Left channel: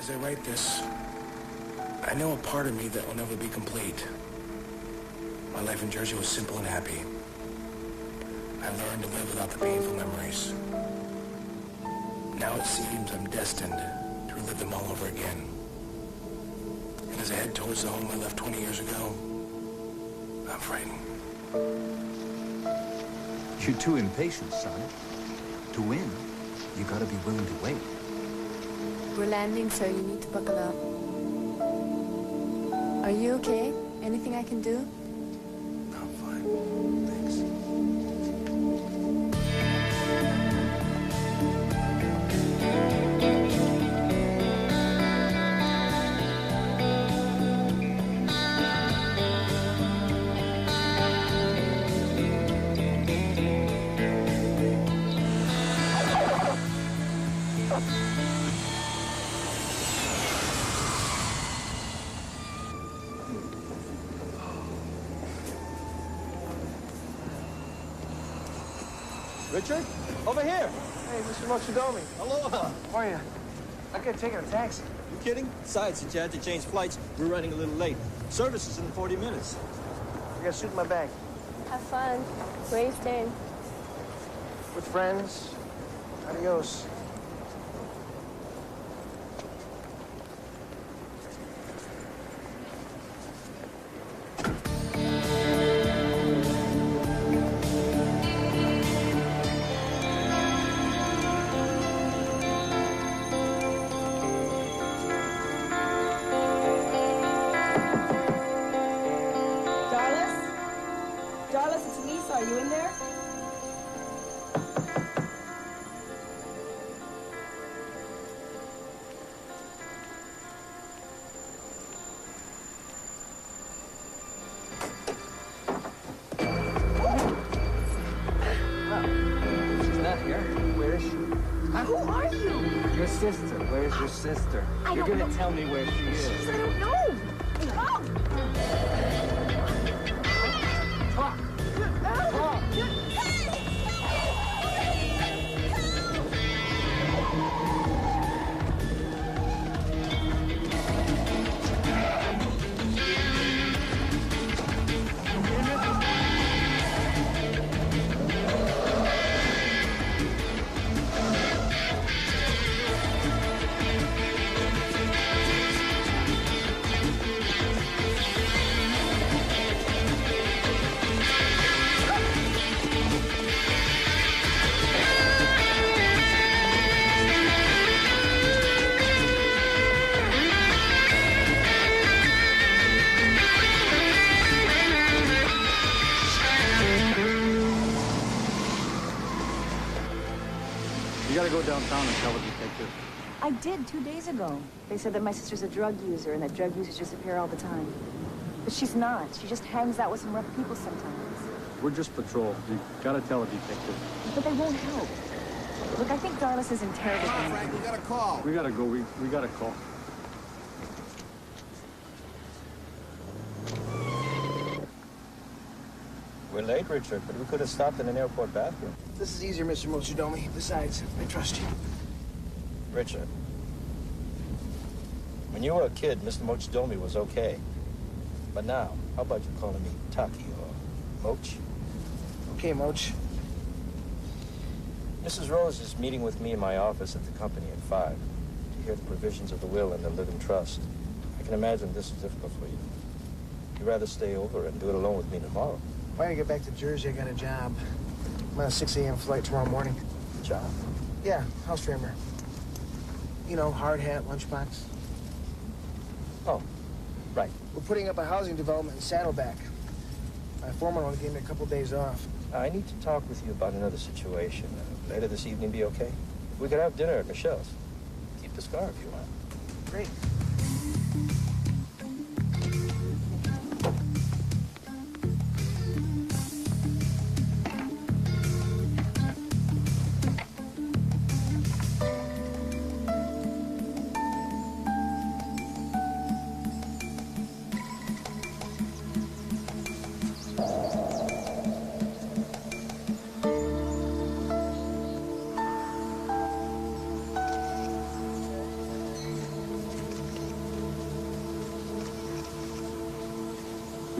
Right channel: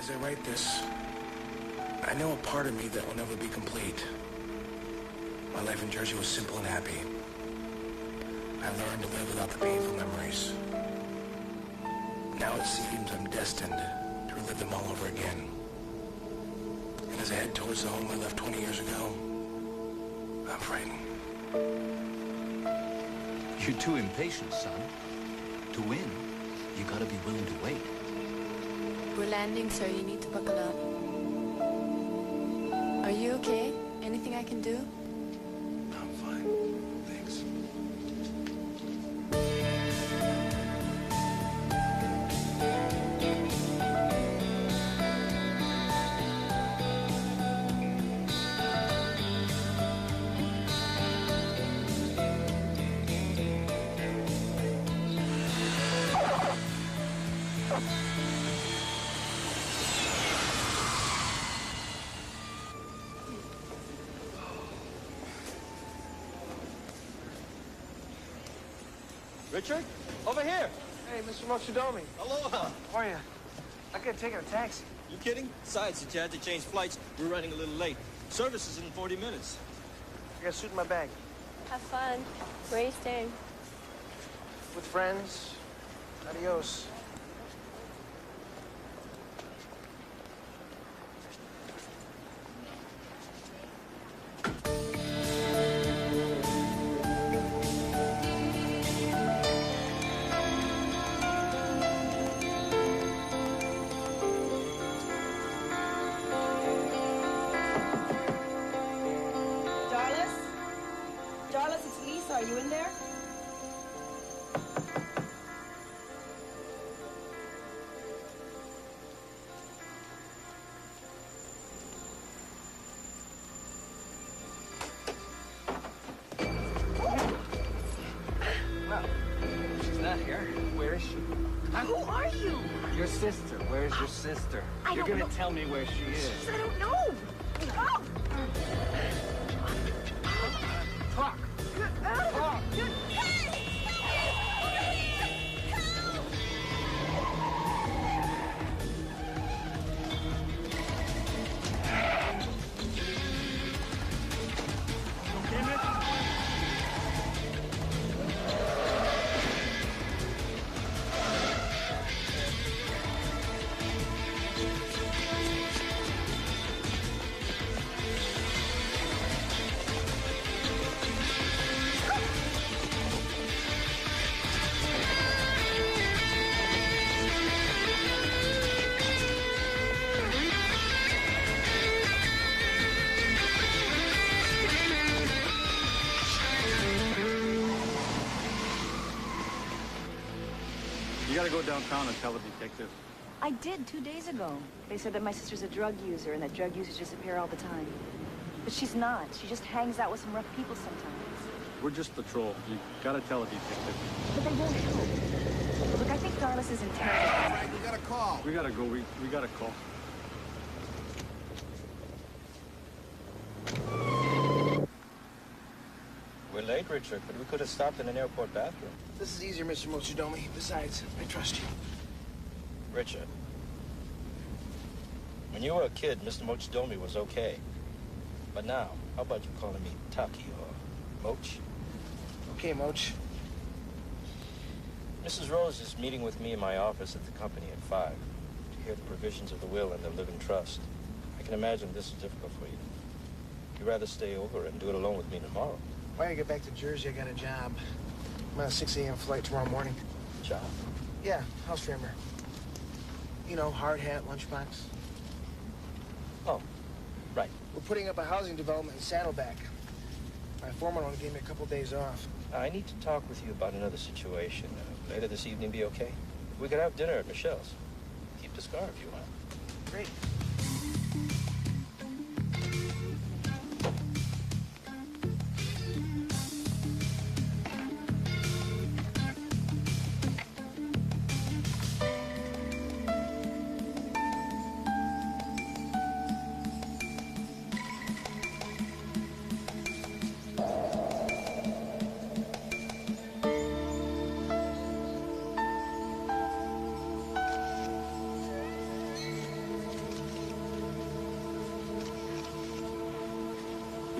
As I write this, I know a part of me that will never be complete. My life in Jersey was simple and happy. I learned to live without the painful memories. Now it seems I'm destined to relive them all over again. And as I head towards the home I left 20 years ago, I'm frightened. You're too impatient, son. To win, you gotta be willing to wait. We're landing, so you need to buckle up. Are you okay? Anything I can do? I'm fine. Thanks. Richard, over here. Hey, Mr. Mochidomi. Aloha. How are you? I could have taken a taxi. You kidding? Besides, since you had to change flights, we're running a little late. Service is in 40 minutes. I got a suit in my bag. Have fun. Where are you staying? With friends. Adios. Darlis? Darlis, it's Lisa. Are you in there? Well, she's not here. Where is she? Who are you? Your sister. Where is your sister? I You're don't gonna know. tell me where she is. I don't know. Oh! Talk. Talk. You gotta go downtown and tell the detective. I did 2 days ago. They said that my sister's a drug user and that drug users disappear all the time. But she's not. She just hangs out with some rough people sometimes. We're just patrol. You gotta tell a detective. But they won't help. Look, I think Darlis is in terrible Come on, danger. Frank, we got a call. We gotta go. We gotta call. We're late, Richard, but we could have stopped in an airport bathroom. This is easier, Mr. Mochidomi. Besides, I trust you. Richard, when you were a kid, Mr. Mochidomi was okay. But now, how about you calling me Taki or Moch? Okay, Moch. Mrs. Rose is meeting with me in my office at the company at 5 to hear the provisions of the will and the living trust. I can imagine this is difficult for you. You'd rather stay over and do it alone with me tomorrow. When I get back to Jersey, I got a job. I'm on a 6 a.m. flight tomorrow morning. Job? Yeah, house trimmer. You know, hard hat, lunchbox. Oh, right. We're putting up a housing development in Saddleback. My foreman only gave me a couple days off. I need to talk with you about another situation. Later this evening be okay? We could have dinner at Michelle's. Keep the scar if you want. Great.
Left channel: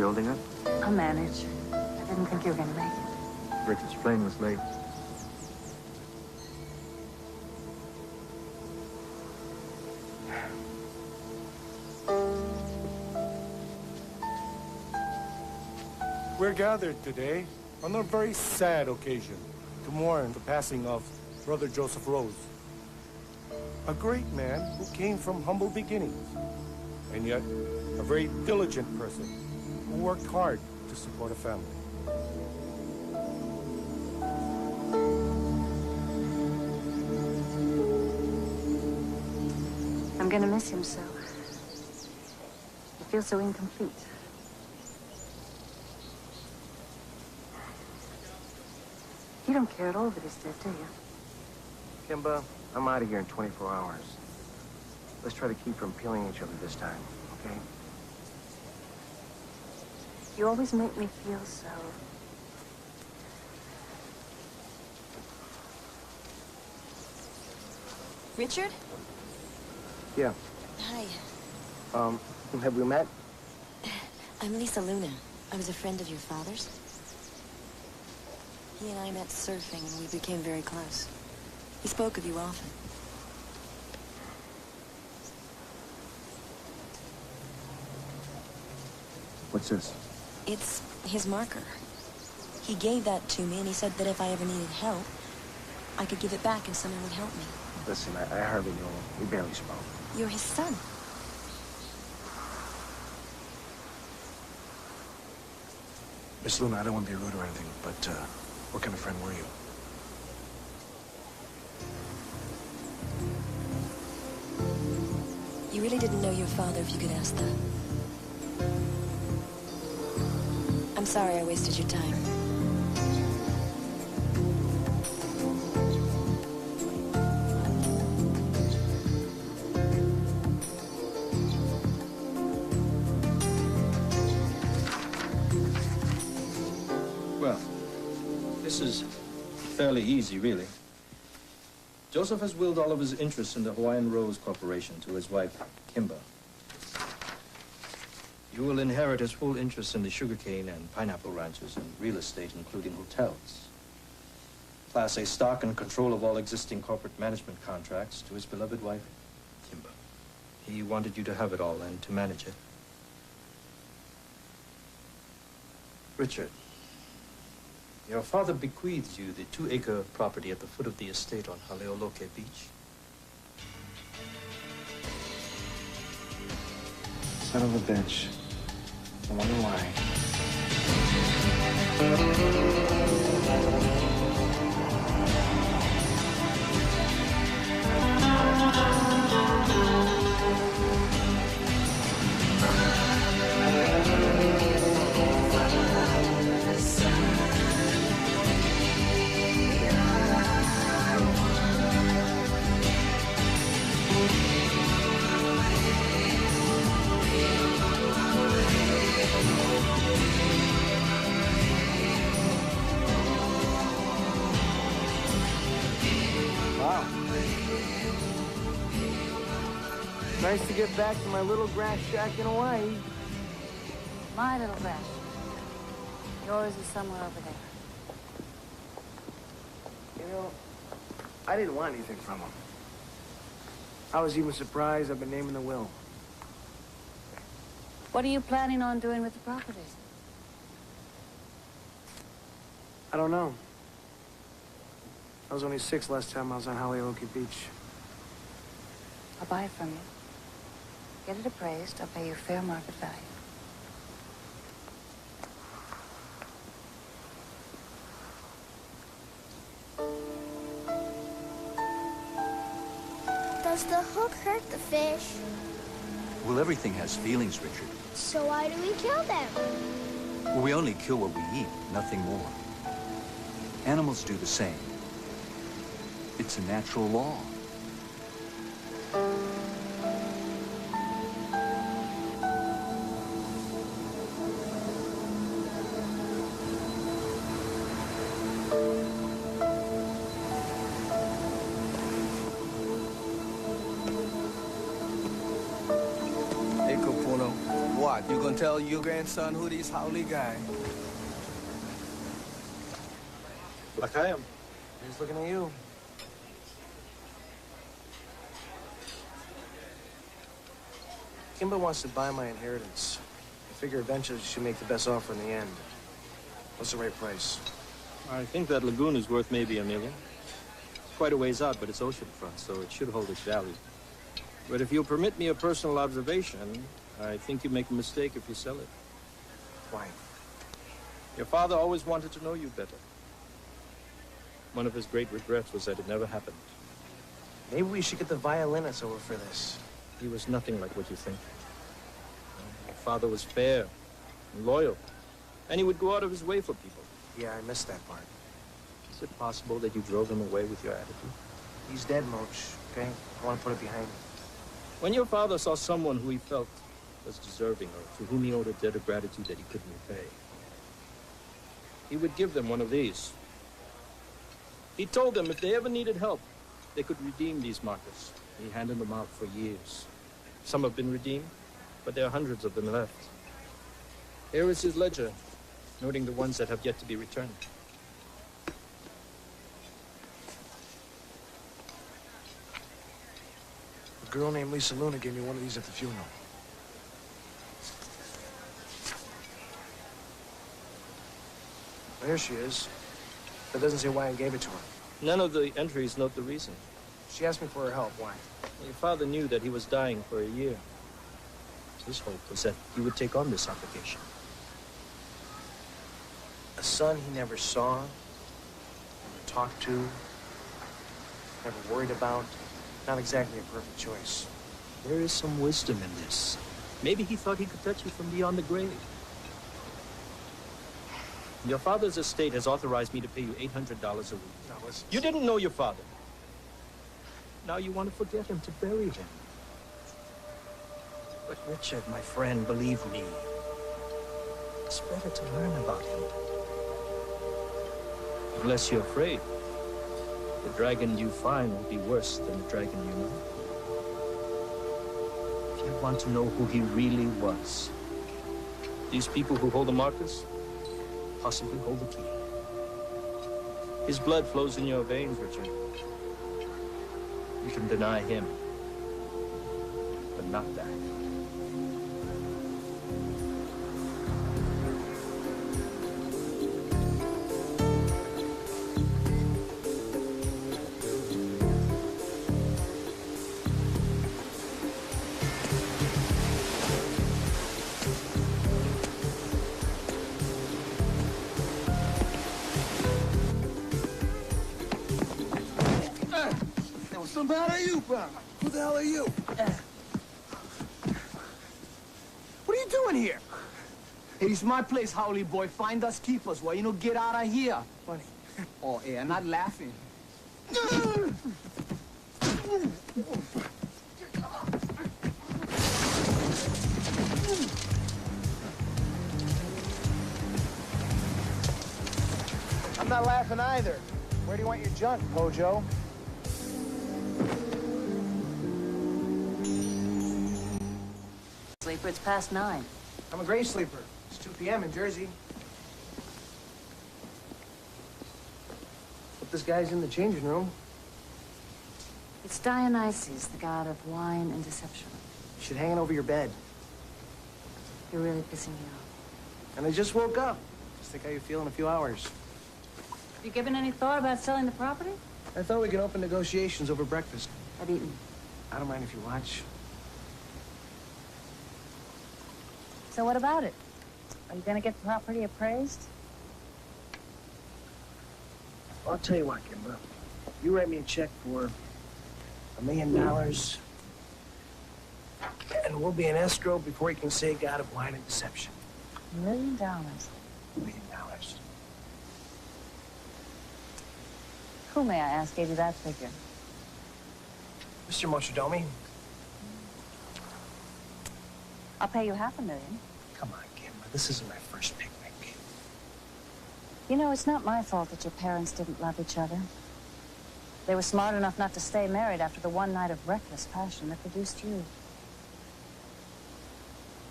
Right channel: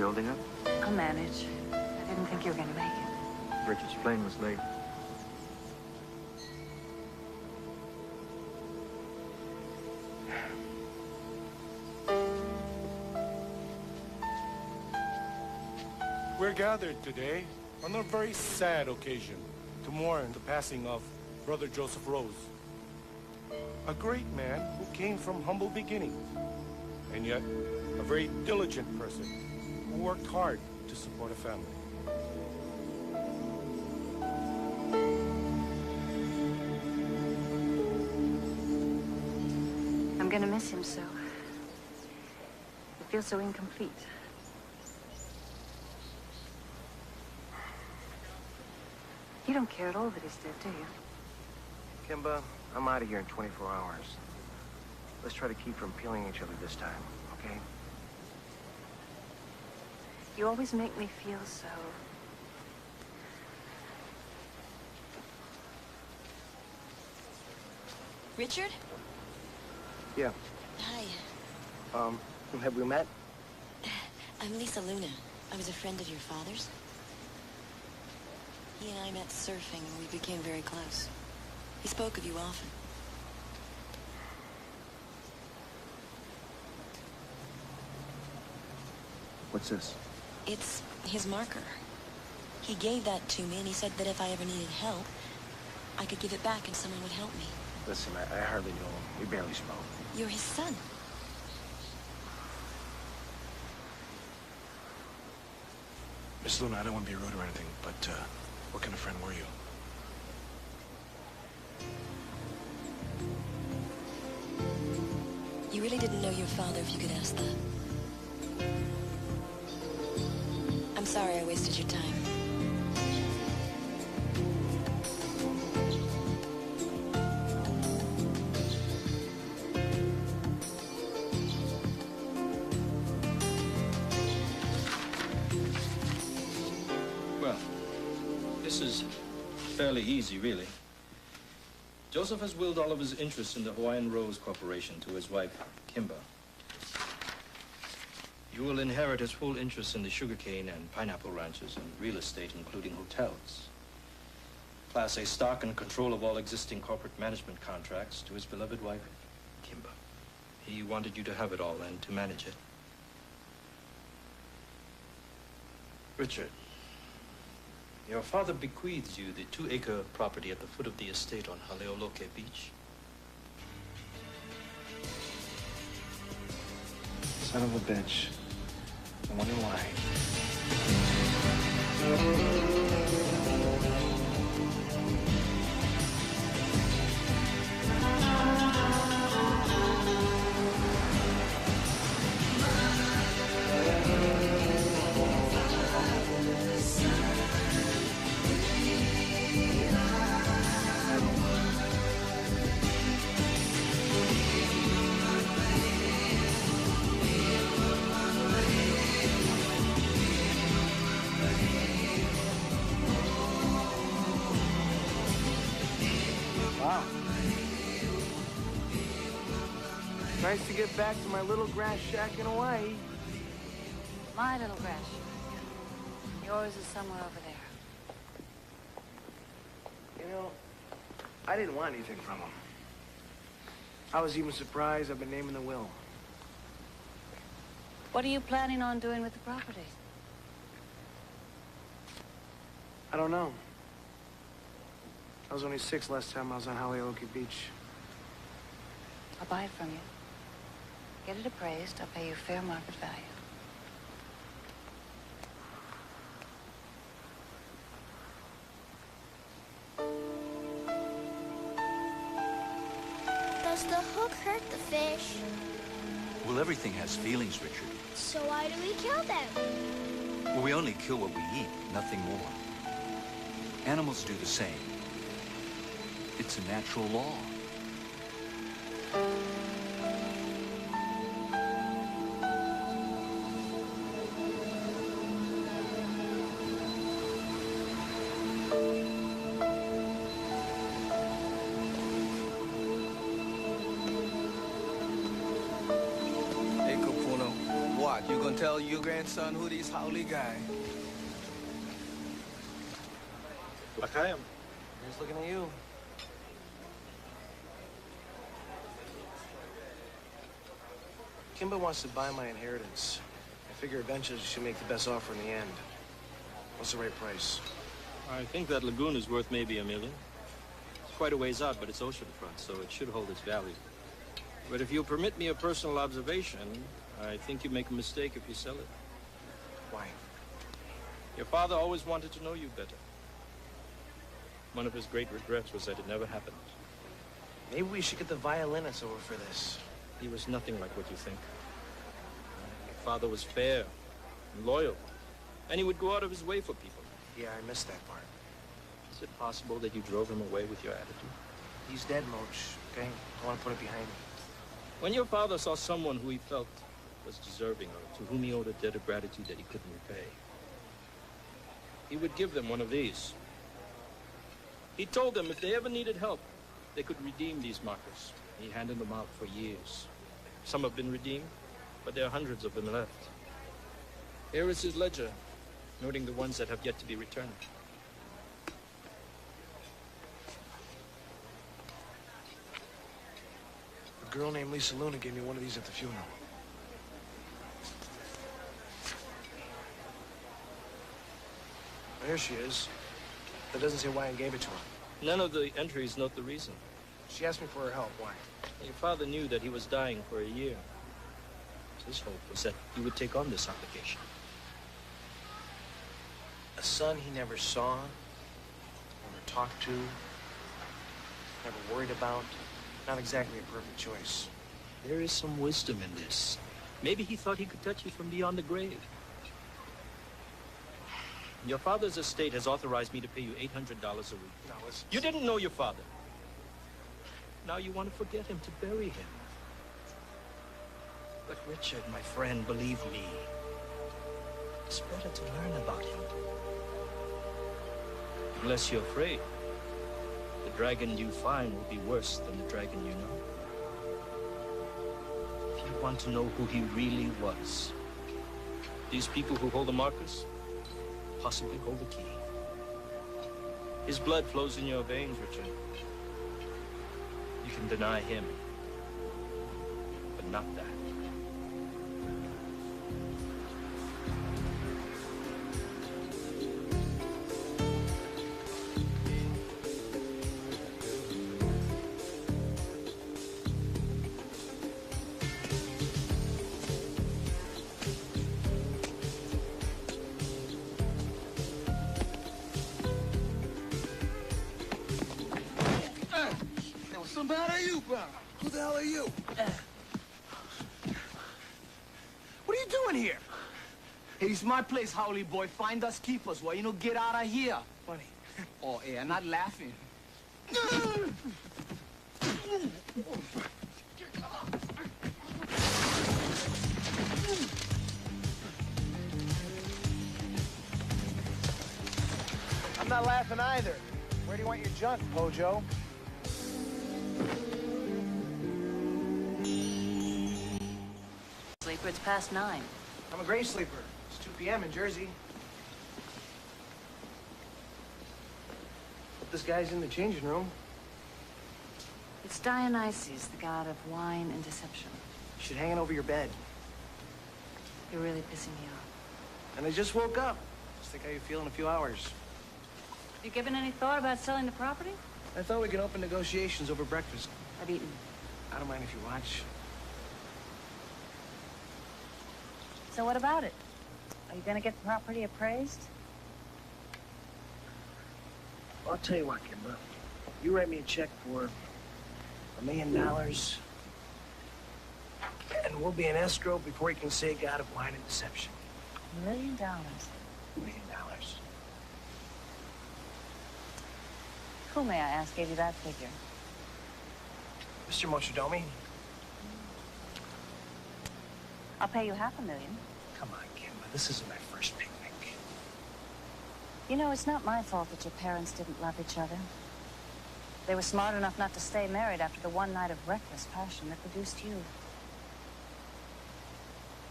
You holding up? I'll manage. I didn't think you were gonna make it. Richard's plane was late. We're gathered today on a very sad occasion to mourn the passing of Brother Joseph Rose, a great man who came from humble beginnings, and yet a very diligent person who worked hard to support a family. I'm gonna miss him so. I feel so incomplete. You don't care at all that he's dead, do you? Kimba, I'm out of here in 24 hours. Let's try to keep from peeling each other this time, okay? You always make me feel so... Richard? Yeah. Hi. Have we met? I'm Lisa Luna. I was a friend of your father's. He and I met surfing, and we became very close. He spoke of you often. What's this? It's his marker. He gave that to me, and he said that if I ever needed help, I could give it back and someone would help me. Listen, I hardly knew him. We barely spoke. You're his son. Miss Luna, I don't want to be rude or anything, but, what kind of friend were you? You really didn't know your father, if you could ask that. I'm sorry I wasted your time. Well, this is fairly easy, really. Joseph has willed all of his interests in the Hawaiian Rose Corporation to his wife, Kimba. You will inherit his full interest in the sugarcane and pineapple ranches and real estate, including hotels. Class A stock and control of all existing corporate management contracts to his beloved wife, Kimba. He wanted you to have it all and to manage it. Richard, your father bequeaths you the 2-acre property at the foot of the estate on Haleoloke Beach. Son of a bitch. I wonder why. Wow. Nice to get back to my little grass shack in Hawaii. My little grass. Yours is somewhere over there. You know, I didn't want anything from him. I was even surprised I've been naming the will. What are you planning on doing with the property? I don't know. I was only 6 last time I was on Haleoloke Beach. I'll buy it from you. Get it appraised. I'll pay you fair market value. Does the hook hurt the fish? Well, everything has feelings, Richard. So why do we kill them? Well, we only kill what we eat, nothing more. Animals do the same. It's a natural law. Hey, Kopono, watch. What, you gonna tell your grandson who these Howley guy? Like I am. He's looking at you. Kimba wants to buy my inheritance. I figure eventually she'll make the best offer in the end. What's the right price? I think that lagoon is worth maybe $1 million. It's quite a ways out, but it's oceanfront, so it should hold its value. But if you'll permit me a personal observation, I think you make a mistake if you sell it. Why? Your father always wanted to know you better. One of his great regrets was that it never happened. Maybe we should get the violinist over for this. He was nothing like what you think. Your father was fair and loyal, and he would go out of his way for people. Yeah, I missed that part. Is it possible that you drove him away with your attitude? He's dead, Moach, okay? I want to put it behind me. When your father saw someone who he felt was deserving or to whom he owed a debt of gratitude that he couldn't repay, he would give them one of these. He told them if they ever needed help, they could redeem these markers. He handed them out for years. Some have been redeemed, but there are hundreds of them left. Here is his ledger, noting the ones that have yet to be returned. A girl named Lisa Luna gave me one of these at the funeral. Well, here she is. That doesn't say why I gave it to her. None of the entries note the reason. She asked me for her help. Why? Your father knew that he was dying for a year. His hope was that you would take on this obligation. A son he never saw, never talked to, never worried about. Not exactly a perfect choice. There is some wisdom in this. Maybe he thought he could touch you from beyond the grave. Your father's estate has authorized me to pay you $800 a week. No, listen. You didn't know your father. Now you want to forget him, to bury him. But Richard, my friend, believe me, it's better to learn about him. Unless you're afraid, the dragon you find will be worse than the dragon you know. If you want to know who he really was, these people who hold the markers possibly hold the key. His blood flows in your veins, Richard. You can deny him, but not that. What's the matter, you, bro? Who the hell are you? What are you doing here? Hey, it's my place, Howley boy. Find us, keep us. Well, you know, get out of here. Funny. Oh, hey, I'm not laughing. I'm not laughing either. Where do you want your junk, Pojo? Sleeper, it's past 9. I'm a great sleeper. It's 2 p.m. in Jersey. Hope this guy's in the changing room. It's Dionysus, the god of wine and deception. You should hang it over your bed. You're really pissing me off. And I just woke up. Just think how you feel in a few hours. Have you given any thought about selling the property? I thought we could open negotiations over breakfast. I've eaten. I don't mind if you watch. So what about it? Are you going to get the property appraised? I'll tell you what, Kimba. You write me a check for $1 million, and we'll be in escrow before you can say God of wine and deception. $1 million. $1 million. Who, may I ask, gave you that figure? Mr. Mochidomi. I'll pay you $500,000. Come on, Kimba. This isn't my first picnic. You know, it's not my fault that your parents didn't love each other. They were smart enough not to stay married after the one night of reckless passion that produced you.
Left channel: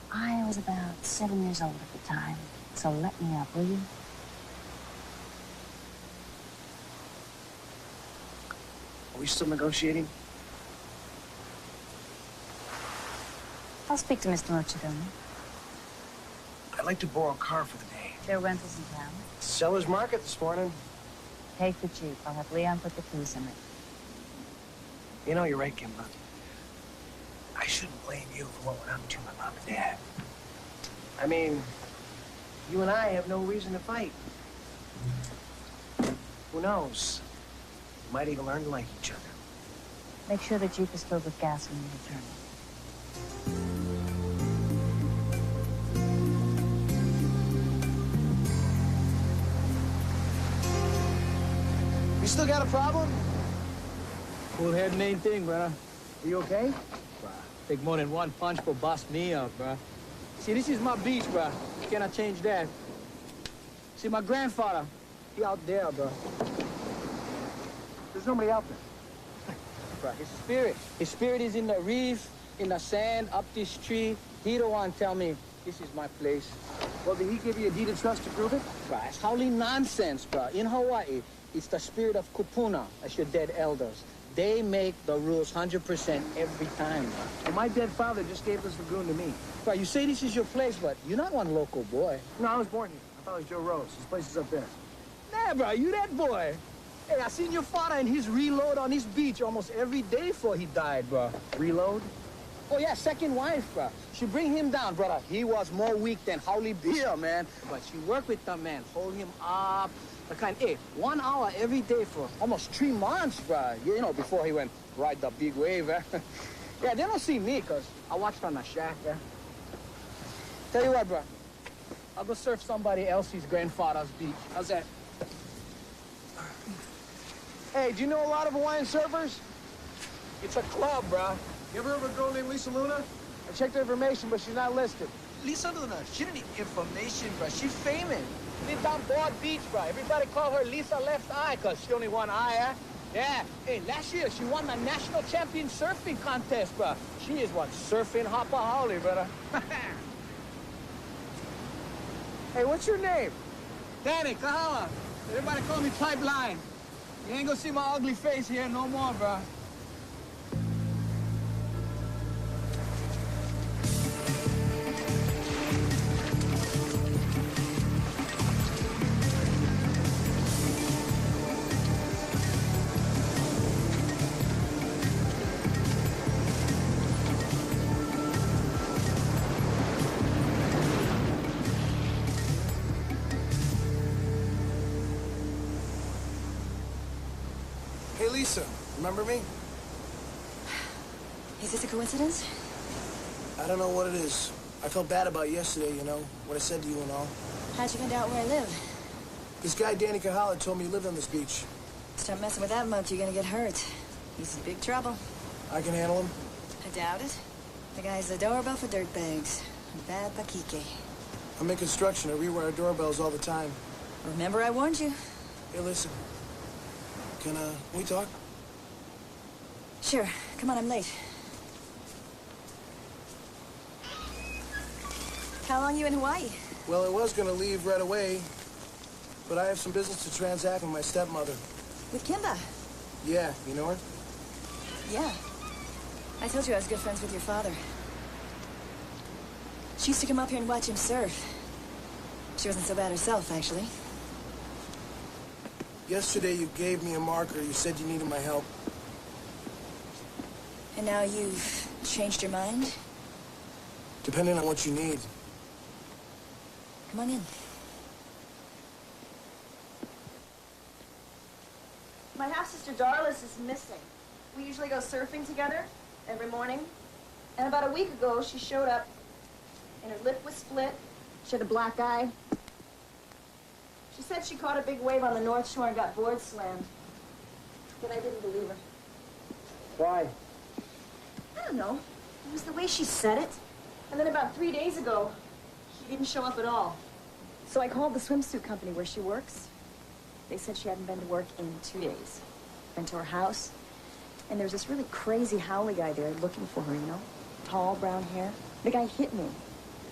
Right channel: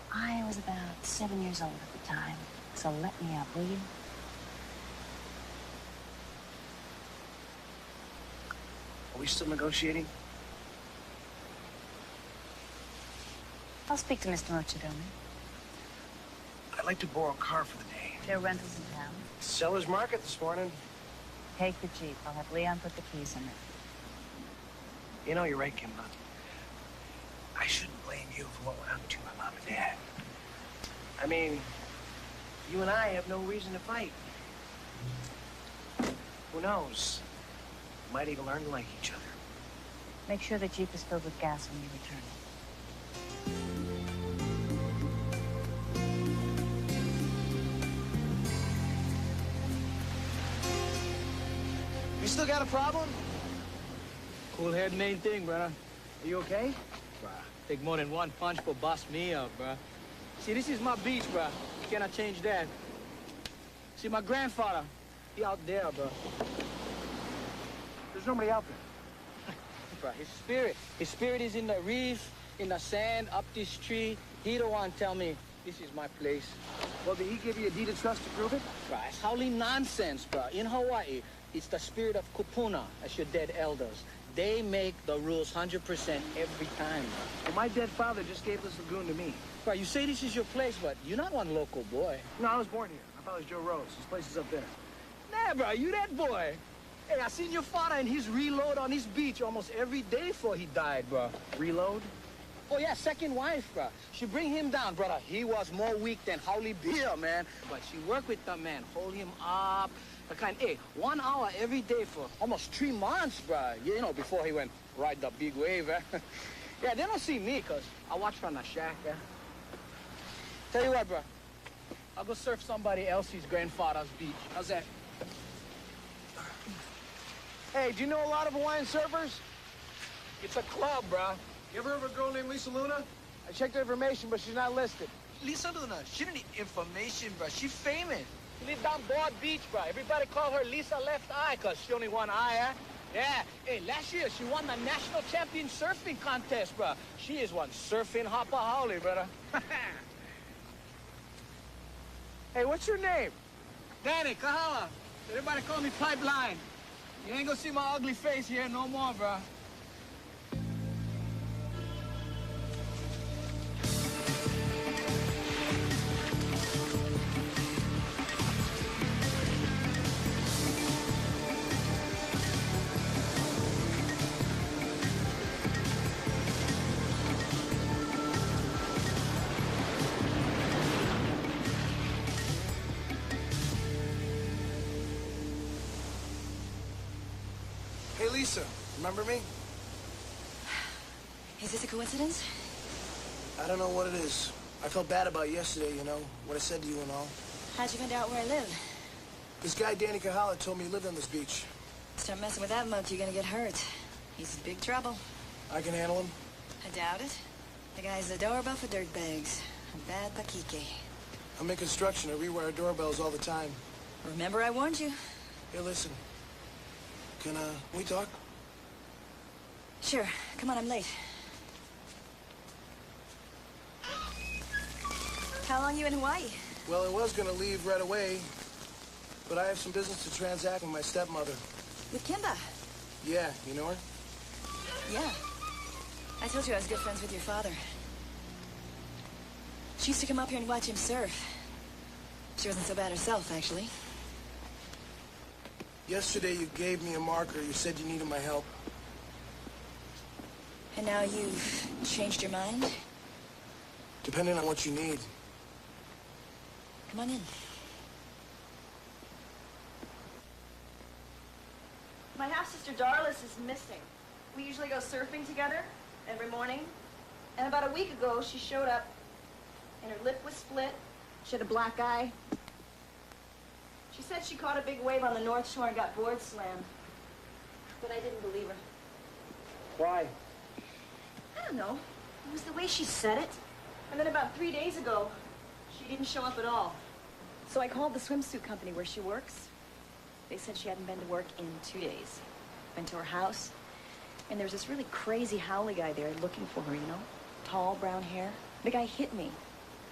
I was about 7 years old at the time, so let me up, will you? Are we still negotiating? I'll speak to Mr. Mochidome. I'd like to borrow a car for the day. There are rentals in town. Seller's market this morning. Take the Jeep. I'll have Leon put the keys in it. You know, you're right, Kimba. I shouldn't blame you for what went on between my mom and dad. I mean, you and I have no reason to fight. Who knows? We might even learn to like each other. Make sure the Jeep is filled with gas when you return it. You still got a problem? Cool head, main thing, brother. Are you okay? Bruh, take more than one punch for bust me up, bruh. See, this is my beach, bruh. Cannot change that. See, my grandfather, he out there, bruh. There's nobody out there. Bruh, his spirit is in the reef, in the sand, up this tree. He the one tell me, this is my place. Well, did he give you a deed of trust to prove it? Bruh, it's howly nonsense, bruh. In Hawaii, it's the spirit of kupuna, as your dead elders. They make the rules 100% every time, bruh. Well, my dead father just gave this lagoon to me. Bruh, you say this is your place, but you're not one local boy. No, I was born here. My father's Joe Rose. His place is up there. Nah, bruh, you that boy. Hey, I seen your father in his reload on this beach almost every day before he died, bruh. Reload? Oh, yeah, second wife, bruh. She bring him down, brother. He was more weak than Howley Beer, man. But she worked with the man, hold him up. The kind, hey, 1 hour every day for almost 3 months, bruh. You know, before he went ride the big wave, eh? Yeah, they don't see me, because I watch from the shack, eh? Tell you what, bruh. I'll go surf somebody else's grandfather's beach. How's that? Hey, do you know a lot of Hawaiian surfers? It's a club, bruh. You ever heard of a girl named Lisa Luna? I checked her information, but she's not listed. Lisa Luna, she didn't need information, bruh. She's famous. She lives down Broad Beach, bruh. Everybody call her Lisa Left Eye, because she only one eye, eh? Yeah. Hey, last year, she won the national champion surfing contest, bruh. She is one surfing hopper howley, brother. Hey, what's your name? Danny, Kahala. Everybody call me Pipeline. You ain't gonna see my ugly face here no more, bruh. Hey, Lisa, remember me? Is this a coincidence? I don't know what it is. I felt bad about yesterday, you know, what I said to you and all. How'd you find out where I live? This guy, Danny Kahala, told me you lived on this beach. Start messing with that monkey, you're gonna get hurt. He's in big trouble. I can handle him. I doubt it. The guy's the doorbell for dirtbags. A bad bakike. I'm in construction. I rewire doorbells all the time. Remember I warned you? Hey, listen. Can we talk? Sure. Come on, I'm late. How long you in Hawaii? Well, I was gonna leave right away, but I have some business to transact with my stepmother. With Kimba? Yeah, you know her? Yeah. I told you I was good friends with your father. She used to come up here and watch him surf. She wasn't so bad herself, actually. Yesterday you gave me a marker. You said you needed my help. And now you've changed your mind? Depending on what you need. Come on in. My half-sister Darlis is missing. We usually go surfing together every morning. And about a week ago, she showed up and her lip was split. She had a black eye. She said she caught a big wave on the North Shore and got board slammed. But I didn't believe her. Why? I don't know. It was the way she said it. And then about 3 days ago, she didn't show up at all. So I called the swimsuit company where she works. They said she hadn't been to work in 2 days. Went to her house, and there's this really crazy howly guy there looking for her, you know? Tall, brown hair. The guy hit me.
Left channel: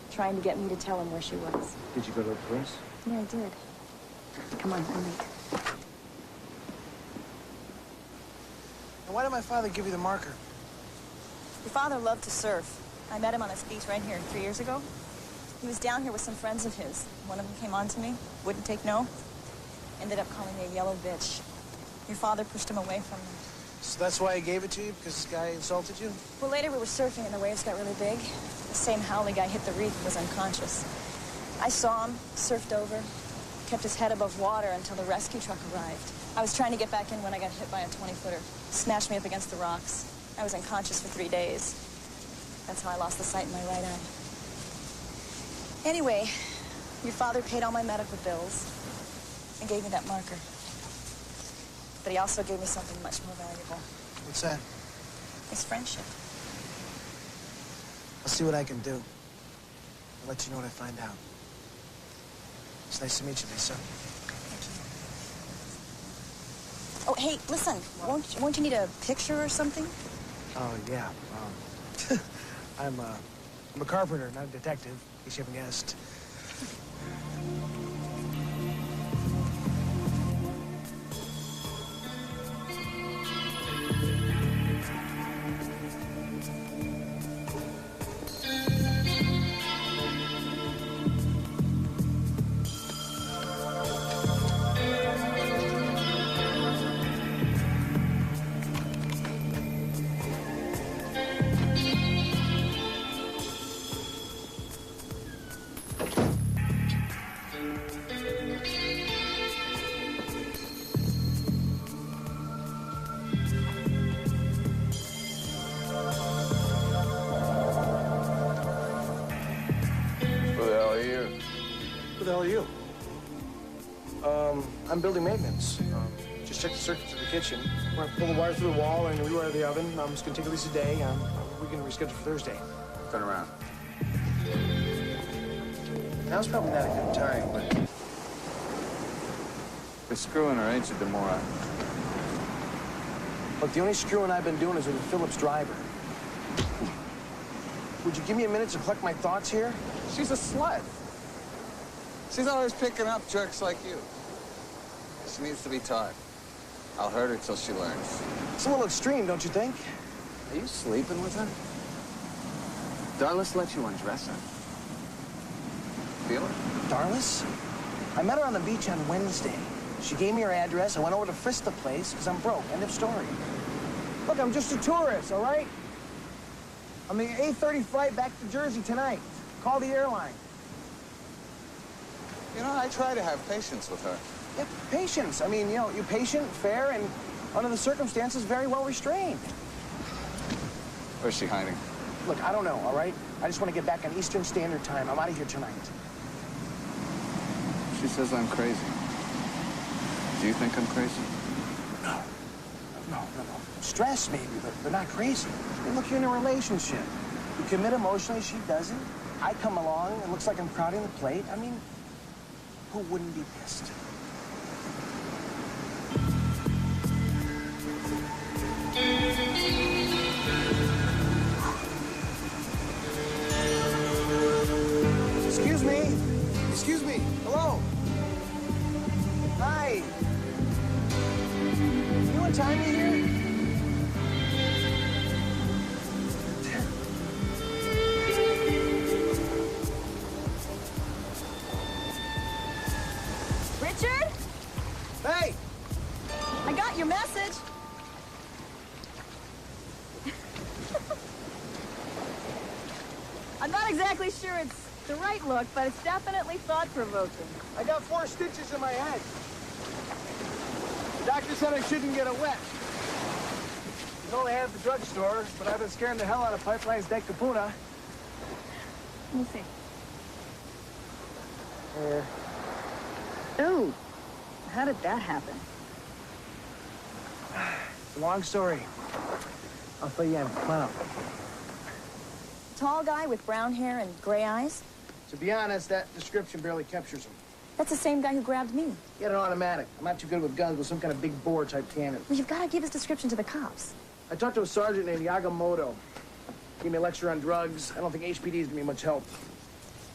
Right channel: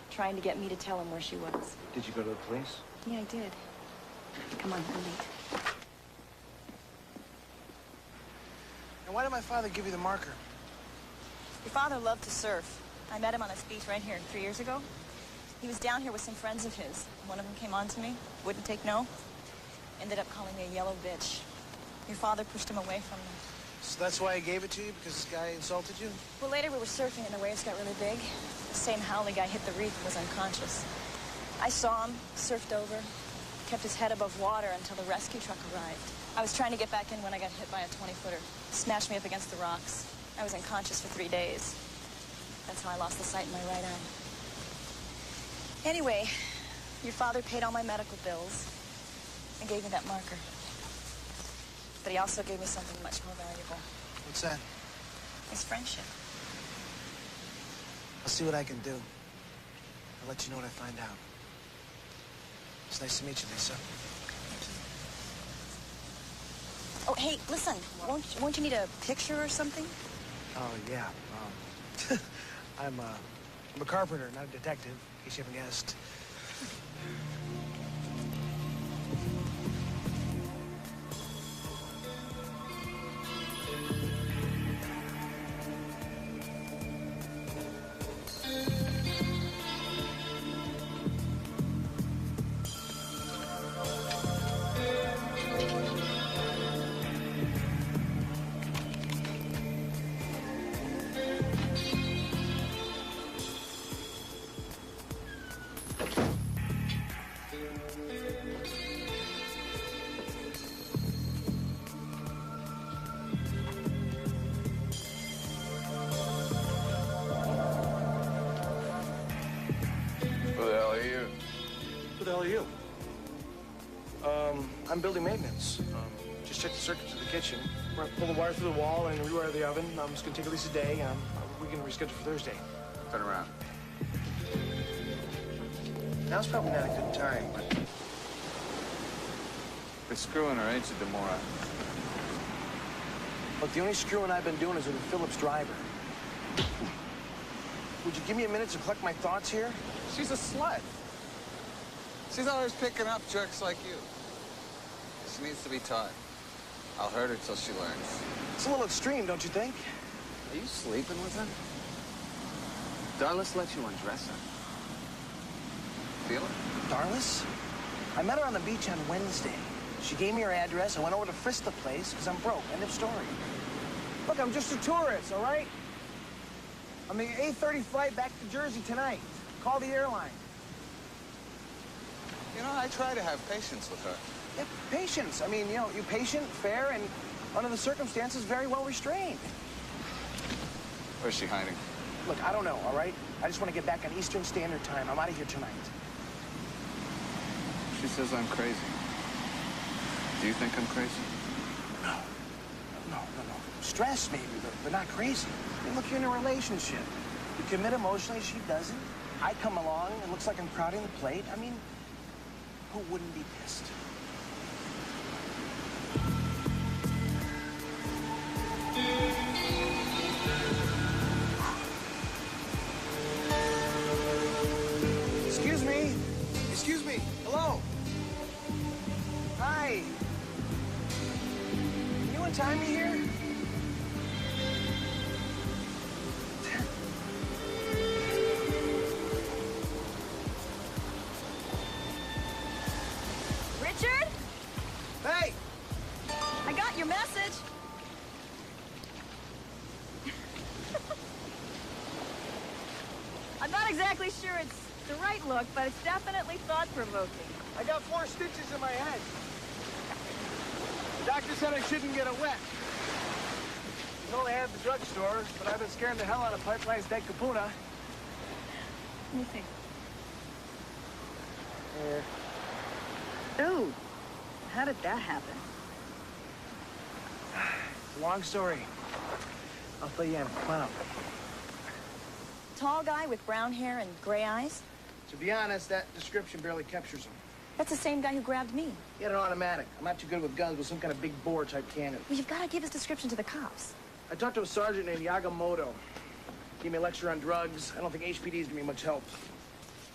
trying to get me to tell him where she was. Did you go to the police? Yeah, I did. Come on, I'm late. And why did my father give you the marker? Your father loved to surf. I met him on this beach right here 3 years ago. He was down here with some friends of his. One of them came on to me, wouldn't take no. Ended up calling me a yellow bitch. Your father pushed him away from me. So that's why he gave it to you, because this guy insulted you? Well, later we were surfing and the waves got really big. The same howling guy hit the reef and was unconscious. I saw him, surfed over, kept his head above water until the rescue truck arrived. I was trying to get back in when I got hit by a 20-footer. Smashed me up against the rocks. I was unconscious for 3 days. That's how I lost the sight in my right eye. Anyway, your father paid all my medical bills and gave me that marker. But he also gave me something much more valuable. What's that? His friendship. I'll see what I can do. I'll let you know what I find out. It's nice to meet you, Lisa. Oh, hey, listen. Won't you need a picture or something? Oh, yeah. I'm a carpenter, not a detective, in case you haven't guessed. Who the hell are you? Who the hell are you? I'm building maintenance. Just check the circuits of the kitchen. We're gonna pull the wire through the wall and rewire the oven. It's gonna take at least a day. We can reschedule for Thursday. Turn around. Now's probably not a good time, but... They're screwing her, ain't you, Demora? Look, the only screwing I've been doing is with a Phillips driver. Would you give me a minute to collect my thoughts here? She's a slut. She's always picking up jerks like you. She needs to be taught. I'll hurt her till she learns. It's a little extreme, don't you think? Are you sleeping with her? Darlis let you undress her. Feel it? Darlis? I met her on the beach on Wednesday. She gave me her address. I went over to frisk the place because I'm broke. End of story. Look, I'm just a tourist, all right? I'm the 8:30 flight back to Jersey tonight. Call the airline. You know, I try to have patience with her. Yeah, patience. I mean, you're patient, fair, and under the circumstances, very well restrained. Where's she hiding? Look, I don't know, all right? I just want to get back on Eastern Standard Time. I'm out of here tonight. She says I'm crazy. Do you think I'm crazy? No. Stress, maybe, but not crazy. I mean, look, you're in a relationship. You commit emotionally, she doesn't. I come along, it looks like I'm crowding the plate. I mean, who wouldn't be pissed? Excuse me. Excuse me. Hello. Hi. Can you untie me here? Richard? Hey! I got your message. I'm not exactly sure it's the right look, but it's definitely thought-provoking. I got 4 stitches in my head. The doctor said I shouldn't get it wet. You know they have at the drugstore, but I've been scaring the hell out of Pipeline's Dead Kapuna. Let me see. Here. Ooh, how did that happen? It's a long story. I'll fill you in. Come on up. Tall guy with brown hair and gray eyes? To be honest, that description barely captures him. That's the same guy who grabbed me. He had an automatic. I'm not too good with guns, but some kind of big bore type cannon. Well, you've got to give his description to the cops. I talked to a sergeant named Yagamoto. Gave me a lecture on drugs. I don't think HPD is gonna be much help.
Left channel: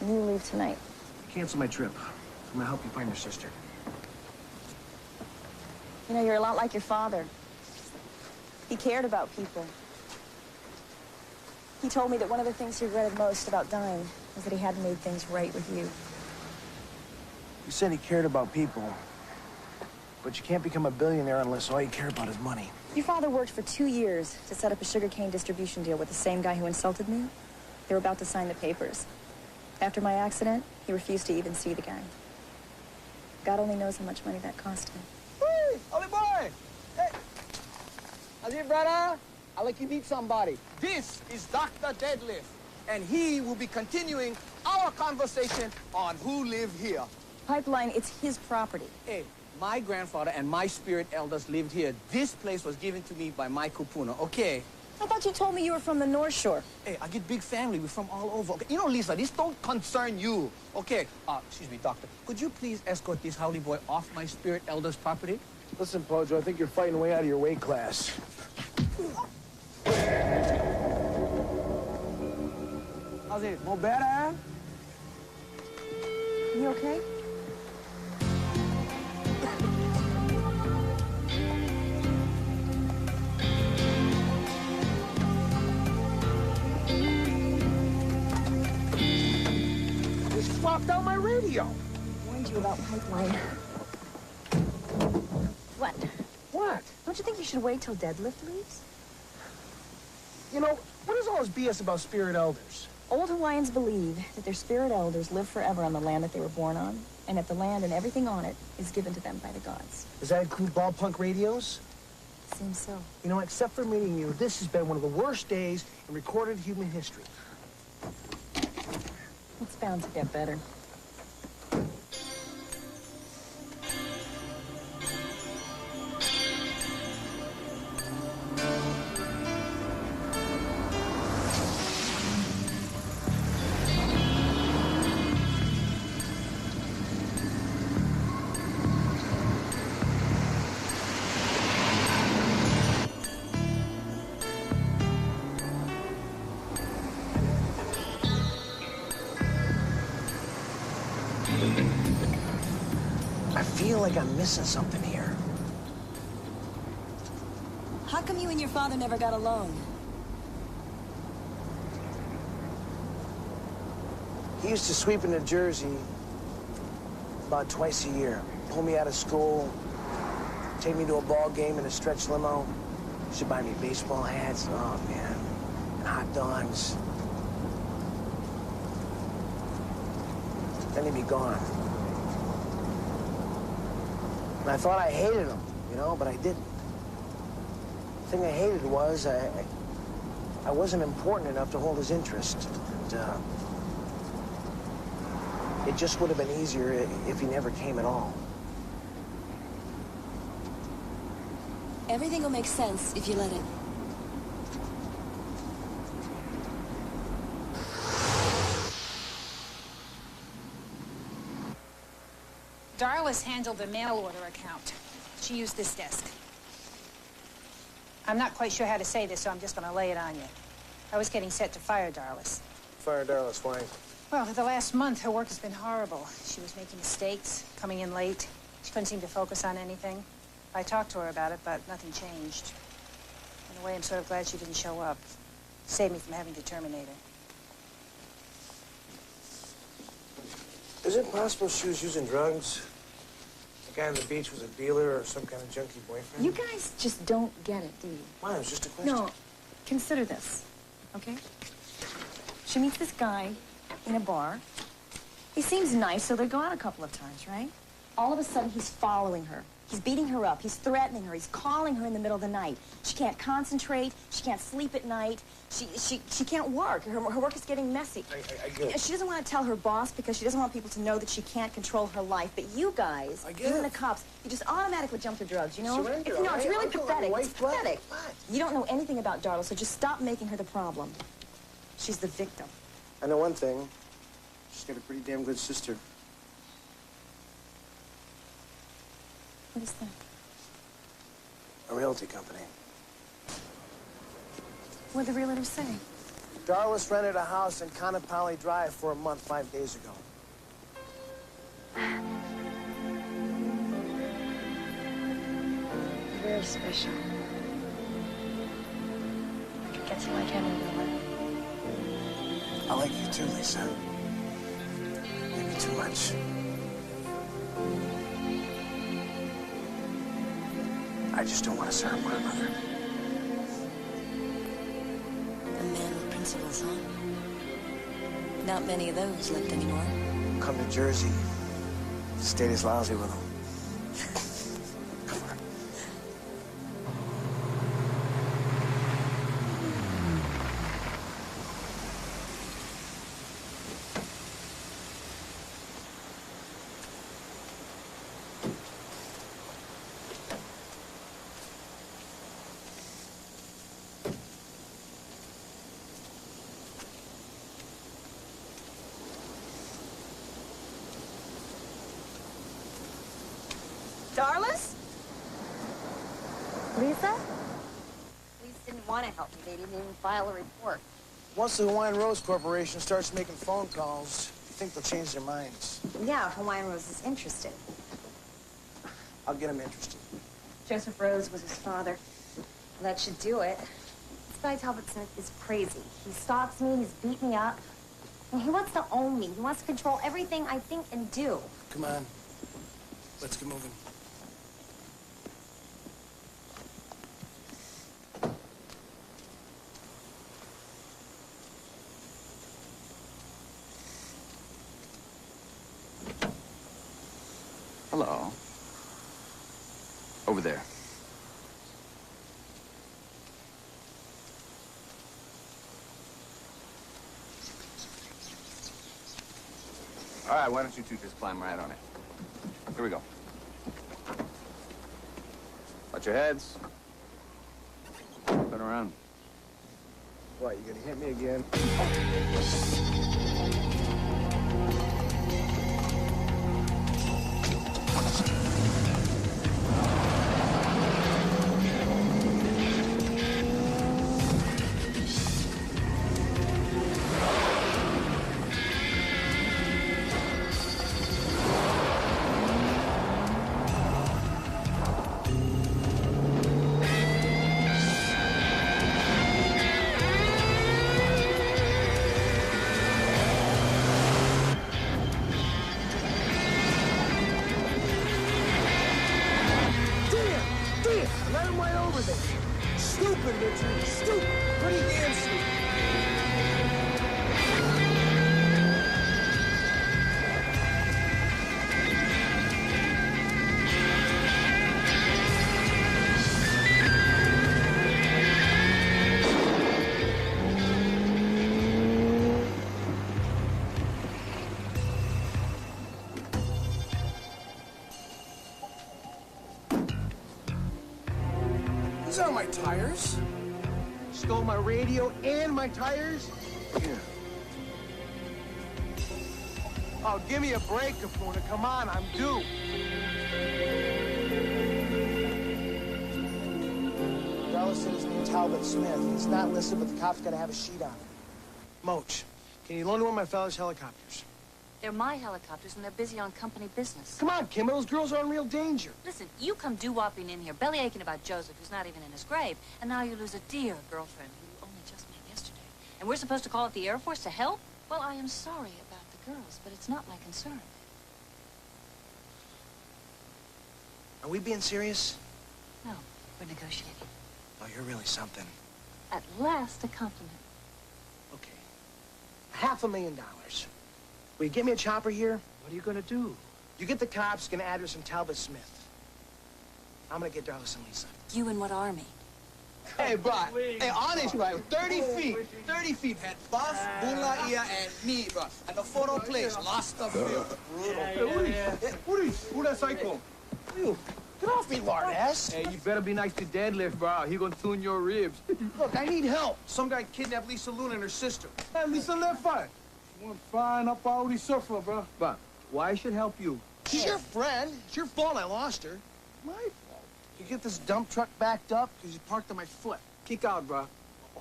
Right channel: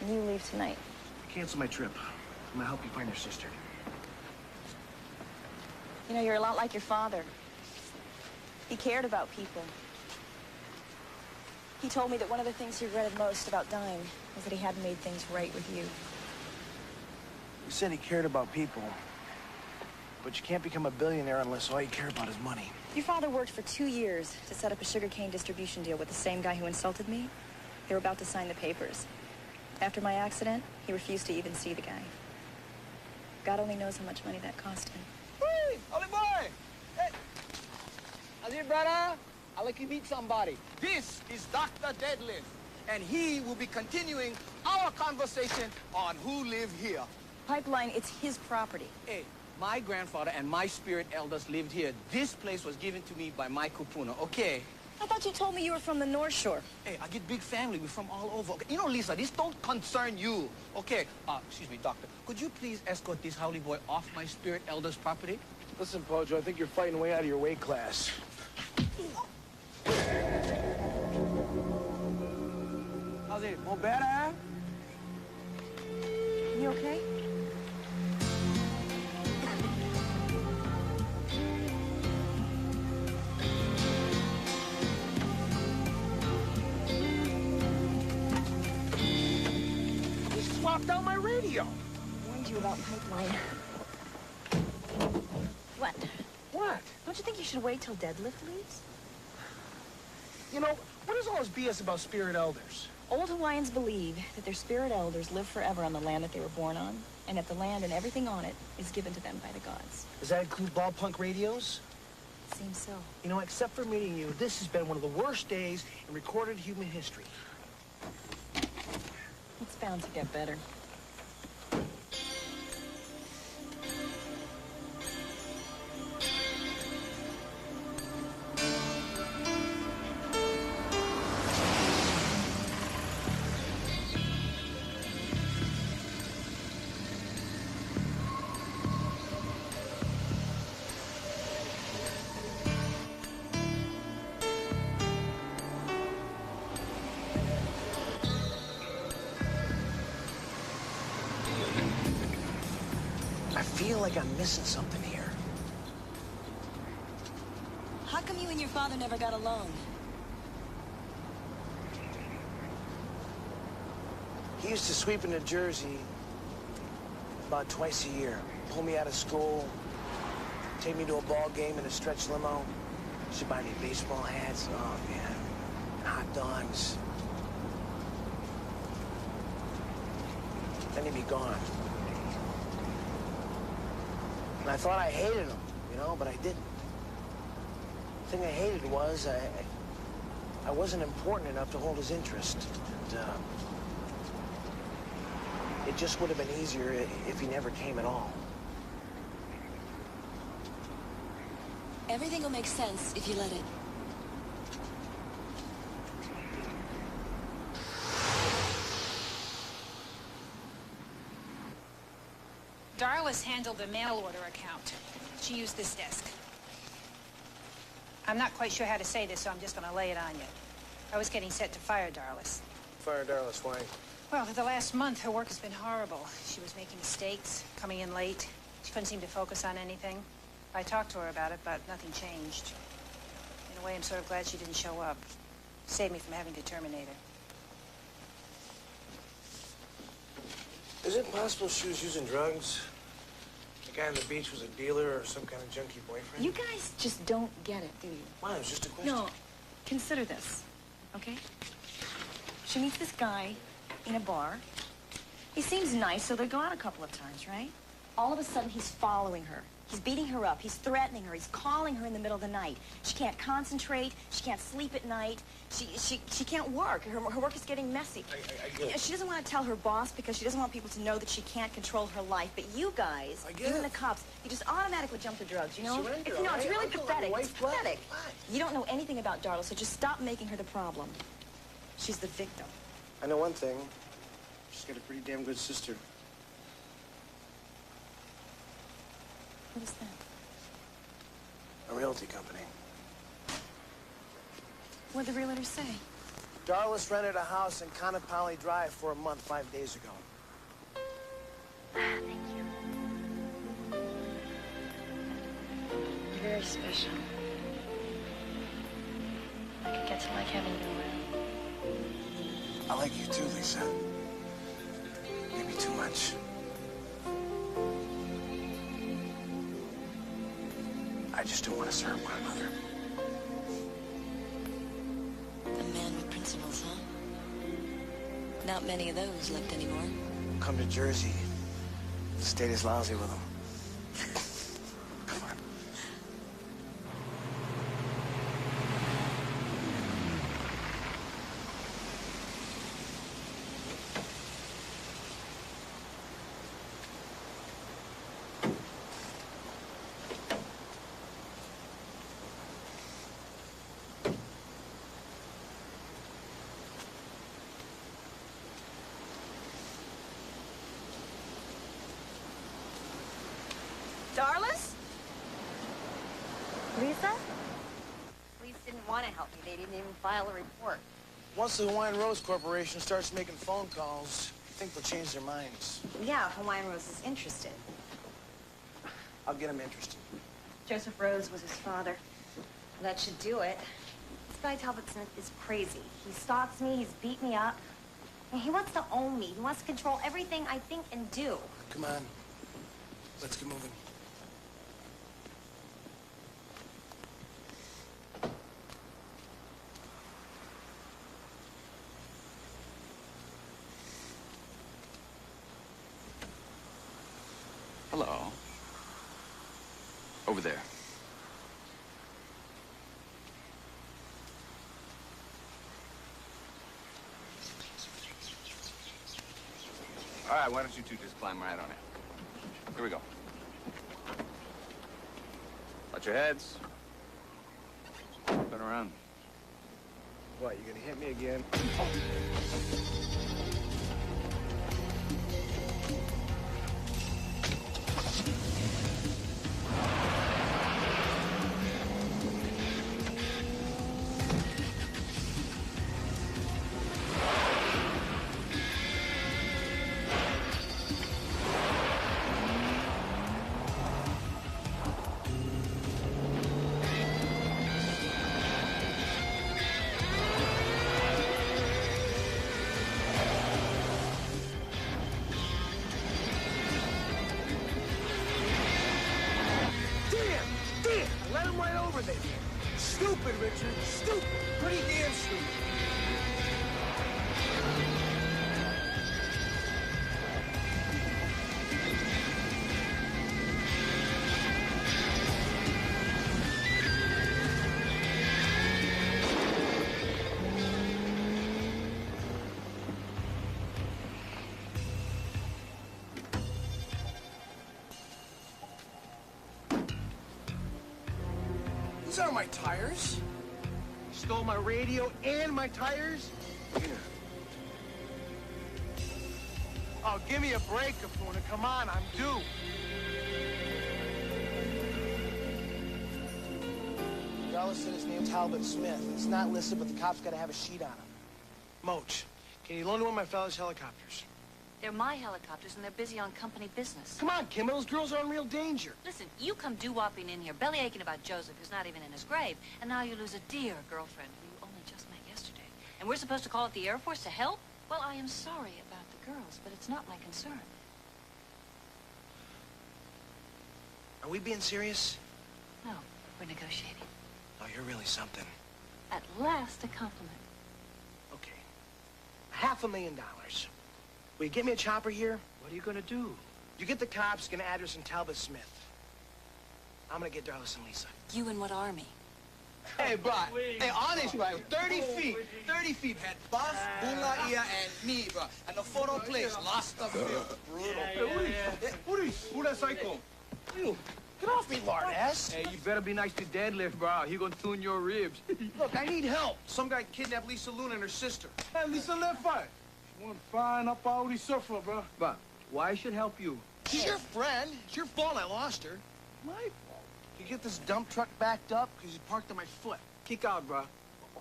And you leave tonight. Cancel my trip. I'm gonna help you find your sister. You know, you're a lot like your father. He cared about people. He told me that one of the things he regretted most about dying was that he hadn't made things right with you. You said he cared about people. But you can't become a billionaire unless all you care about is money. Your father worked for 2 years to set up a sugarcane distribution deal with the same guy who insulted me. They were about to sign the papers. After my accident, he refused to even see the guy. God only knows how much money that cost him. Hey, Ollie boy! Hey! How's it, brother? I'd like you to meet somebody. This is Dr. Deadlift, and he will be continuing our conversation on who live here. Pipeline, it's his property. Hey, my grandfather and my spirit elders lived here. This place was given to me by my kupuna, okay? I thought you told me you were from the North Shore. Hey, I get big family. We're from all over. Okay? You know, Lisa, this don't concern you. Okay, excuse me, doctor. Could you please escort this howdy boy off my spirit elder's property? Listen, Pojo, I think you're fighting way out of your weight class. How's it? More better? You okay? He swapped out my radio. Warned you about Pipeline. What? What? Don't you think you should wait till Deadlift leaves? You know, what is all this BS about spirit elders? Old Hawaiians believe that their spirit elders live forever on the land that they were born on, and that the land and everything on it is given to them by the gods. Does that include ball punk radios? Seems so. You know, except for meeting you, this has been one of the worst days in recorded human history. It's bound to get better. I feel like I'm missing something here. How come you and your father never got along? He used to sweep into Jersey about twice a year. Pull me out of school, take me to a ball game in a stretch limo. Should buy me baseball hats, oh man, and hot dogs. Then he'd be gone. And I thought I hated him, you know, but I didn't. The thing I hated was I wasn't important enough to hold his interest. And, it just would have been easier if he never came at all. Everything will make sense if you let it. Darla's handled the mail order account. She used this desk. I'm not quite sure how to say this, so I'm just going to lay it on you. I was getting set to fire Darla's. Fire Darla's why? Well, for the last month, her work has been horrible. She was making mistakes, coming in late. She couldn't seem to focus on anything. I talked to her about it, but nothing changed. In a way, I'm sort of glad she didn't show up. Saved me from having to terminate her. Is it possible she was using drugs? The guy on the beach was a dealer or some kind of junkie boyfriend? You guys just don't get it, do you? Why? It was just a question. No, consider this, okay? She meets this guy in a bar. He seems nice, so they go out a couple of times, right? All of a sudden, he's following her. He's beating her up. He's threatening her. He's calling her in the middle of the night. She can't concentrate. She can't sleep at night. She can't work. Her work is getting messy. I get it. She doesn't want to tell her boss because she doesn't want people to know that she can't control her life. But you guys, even the cops, you just automatically jump to drugs, you know? Surrender, It's all right? really I'm going pathetic. white It's flag. pathetic. What? You don't know anything about Darla, so just stop making her the problem. She's the victim. I know one thing. She's got a pretty damn good sister. What is that? A realty company. What'd the realtor say? Darlis rented a house in Conopali Drive for a month 5 days ago. Thank you. You're very special. I guess you like having you around. I like you too, Lisa. Maybe too much. I just don't want us to hurt one another. A man with principles, huh? Not many of those left anymore. Come to Jersey. State is lousy with them. Come on. Darlis? Lisa? Police didn't want to help me. They didn't even file a report. Once the Hawaiian Rose Corporation starts making phone calls, I think they'll change their minds. Yeah, if Hawaiian Rose is interested. I'll get them interested. Joseph Rose was his father. That should do it. This guy Talbot Smith is crazy. He stalks me, he's beat me up. And he wants to own me. He wants to control everything I think and do. Come on. Let's get moving. Hello. Over there. All right, why don't you two just climb right on it? Here we go. Watch your heads. Turn around. What, you gonna hit me again? I let him right over there. Stupid, Richard. Stupid. Pretty damn stupid. These aren't my tires. Stole my radio and my tires? Yeah. Oh, give me a break, Kapuna. Come on, I'm due. Darla said his name's Talbot Smith. He's not listed, but the cops gotta have a sheet on him. Moach, can you loan one of my fellas' helicopters? They're my helicopters, and they're busy on company business. Come on, Kim, those girls are in real danger. Listen, you come doo-wopping in here, belly aching about Joseph, who's not even in his grave, and now you lose a dear girlfriend who you only just met yesterday. And we're supposed to call up the Air Force to help? Well, I am sorry about the girls, but it's not my concern. Are we being serious? No, we're negotiating. Oh, you're really something. At last, a compliment. Okay. $500,000. Will you get me a chopper here? What are you gonna do? You get the cops, get an address from Talbot Smith. I'm gonna get Darlis and Lisa. You and what army? Hey, bro. Hey, honest, bro. 30 feet. 30 feet. Had Buff, Bulaia, and me, bro. And the photo place. Lost the field. Brutal. Who that psycho? You. Get off me, lard ass. Hey, you better be nice to deadlift, bro. He gonna tune your ribs. Look, I need help. Some guy kidnapped Lisa Luna and her sister. Hey, Lisa left fine. One fine up all these surfer, bro. But why I should help you? She's your friend. It's your fault I lost her. My fault. You get this dump truck backed up because you parked on my foot. Kick out, bro.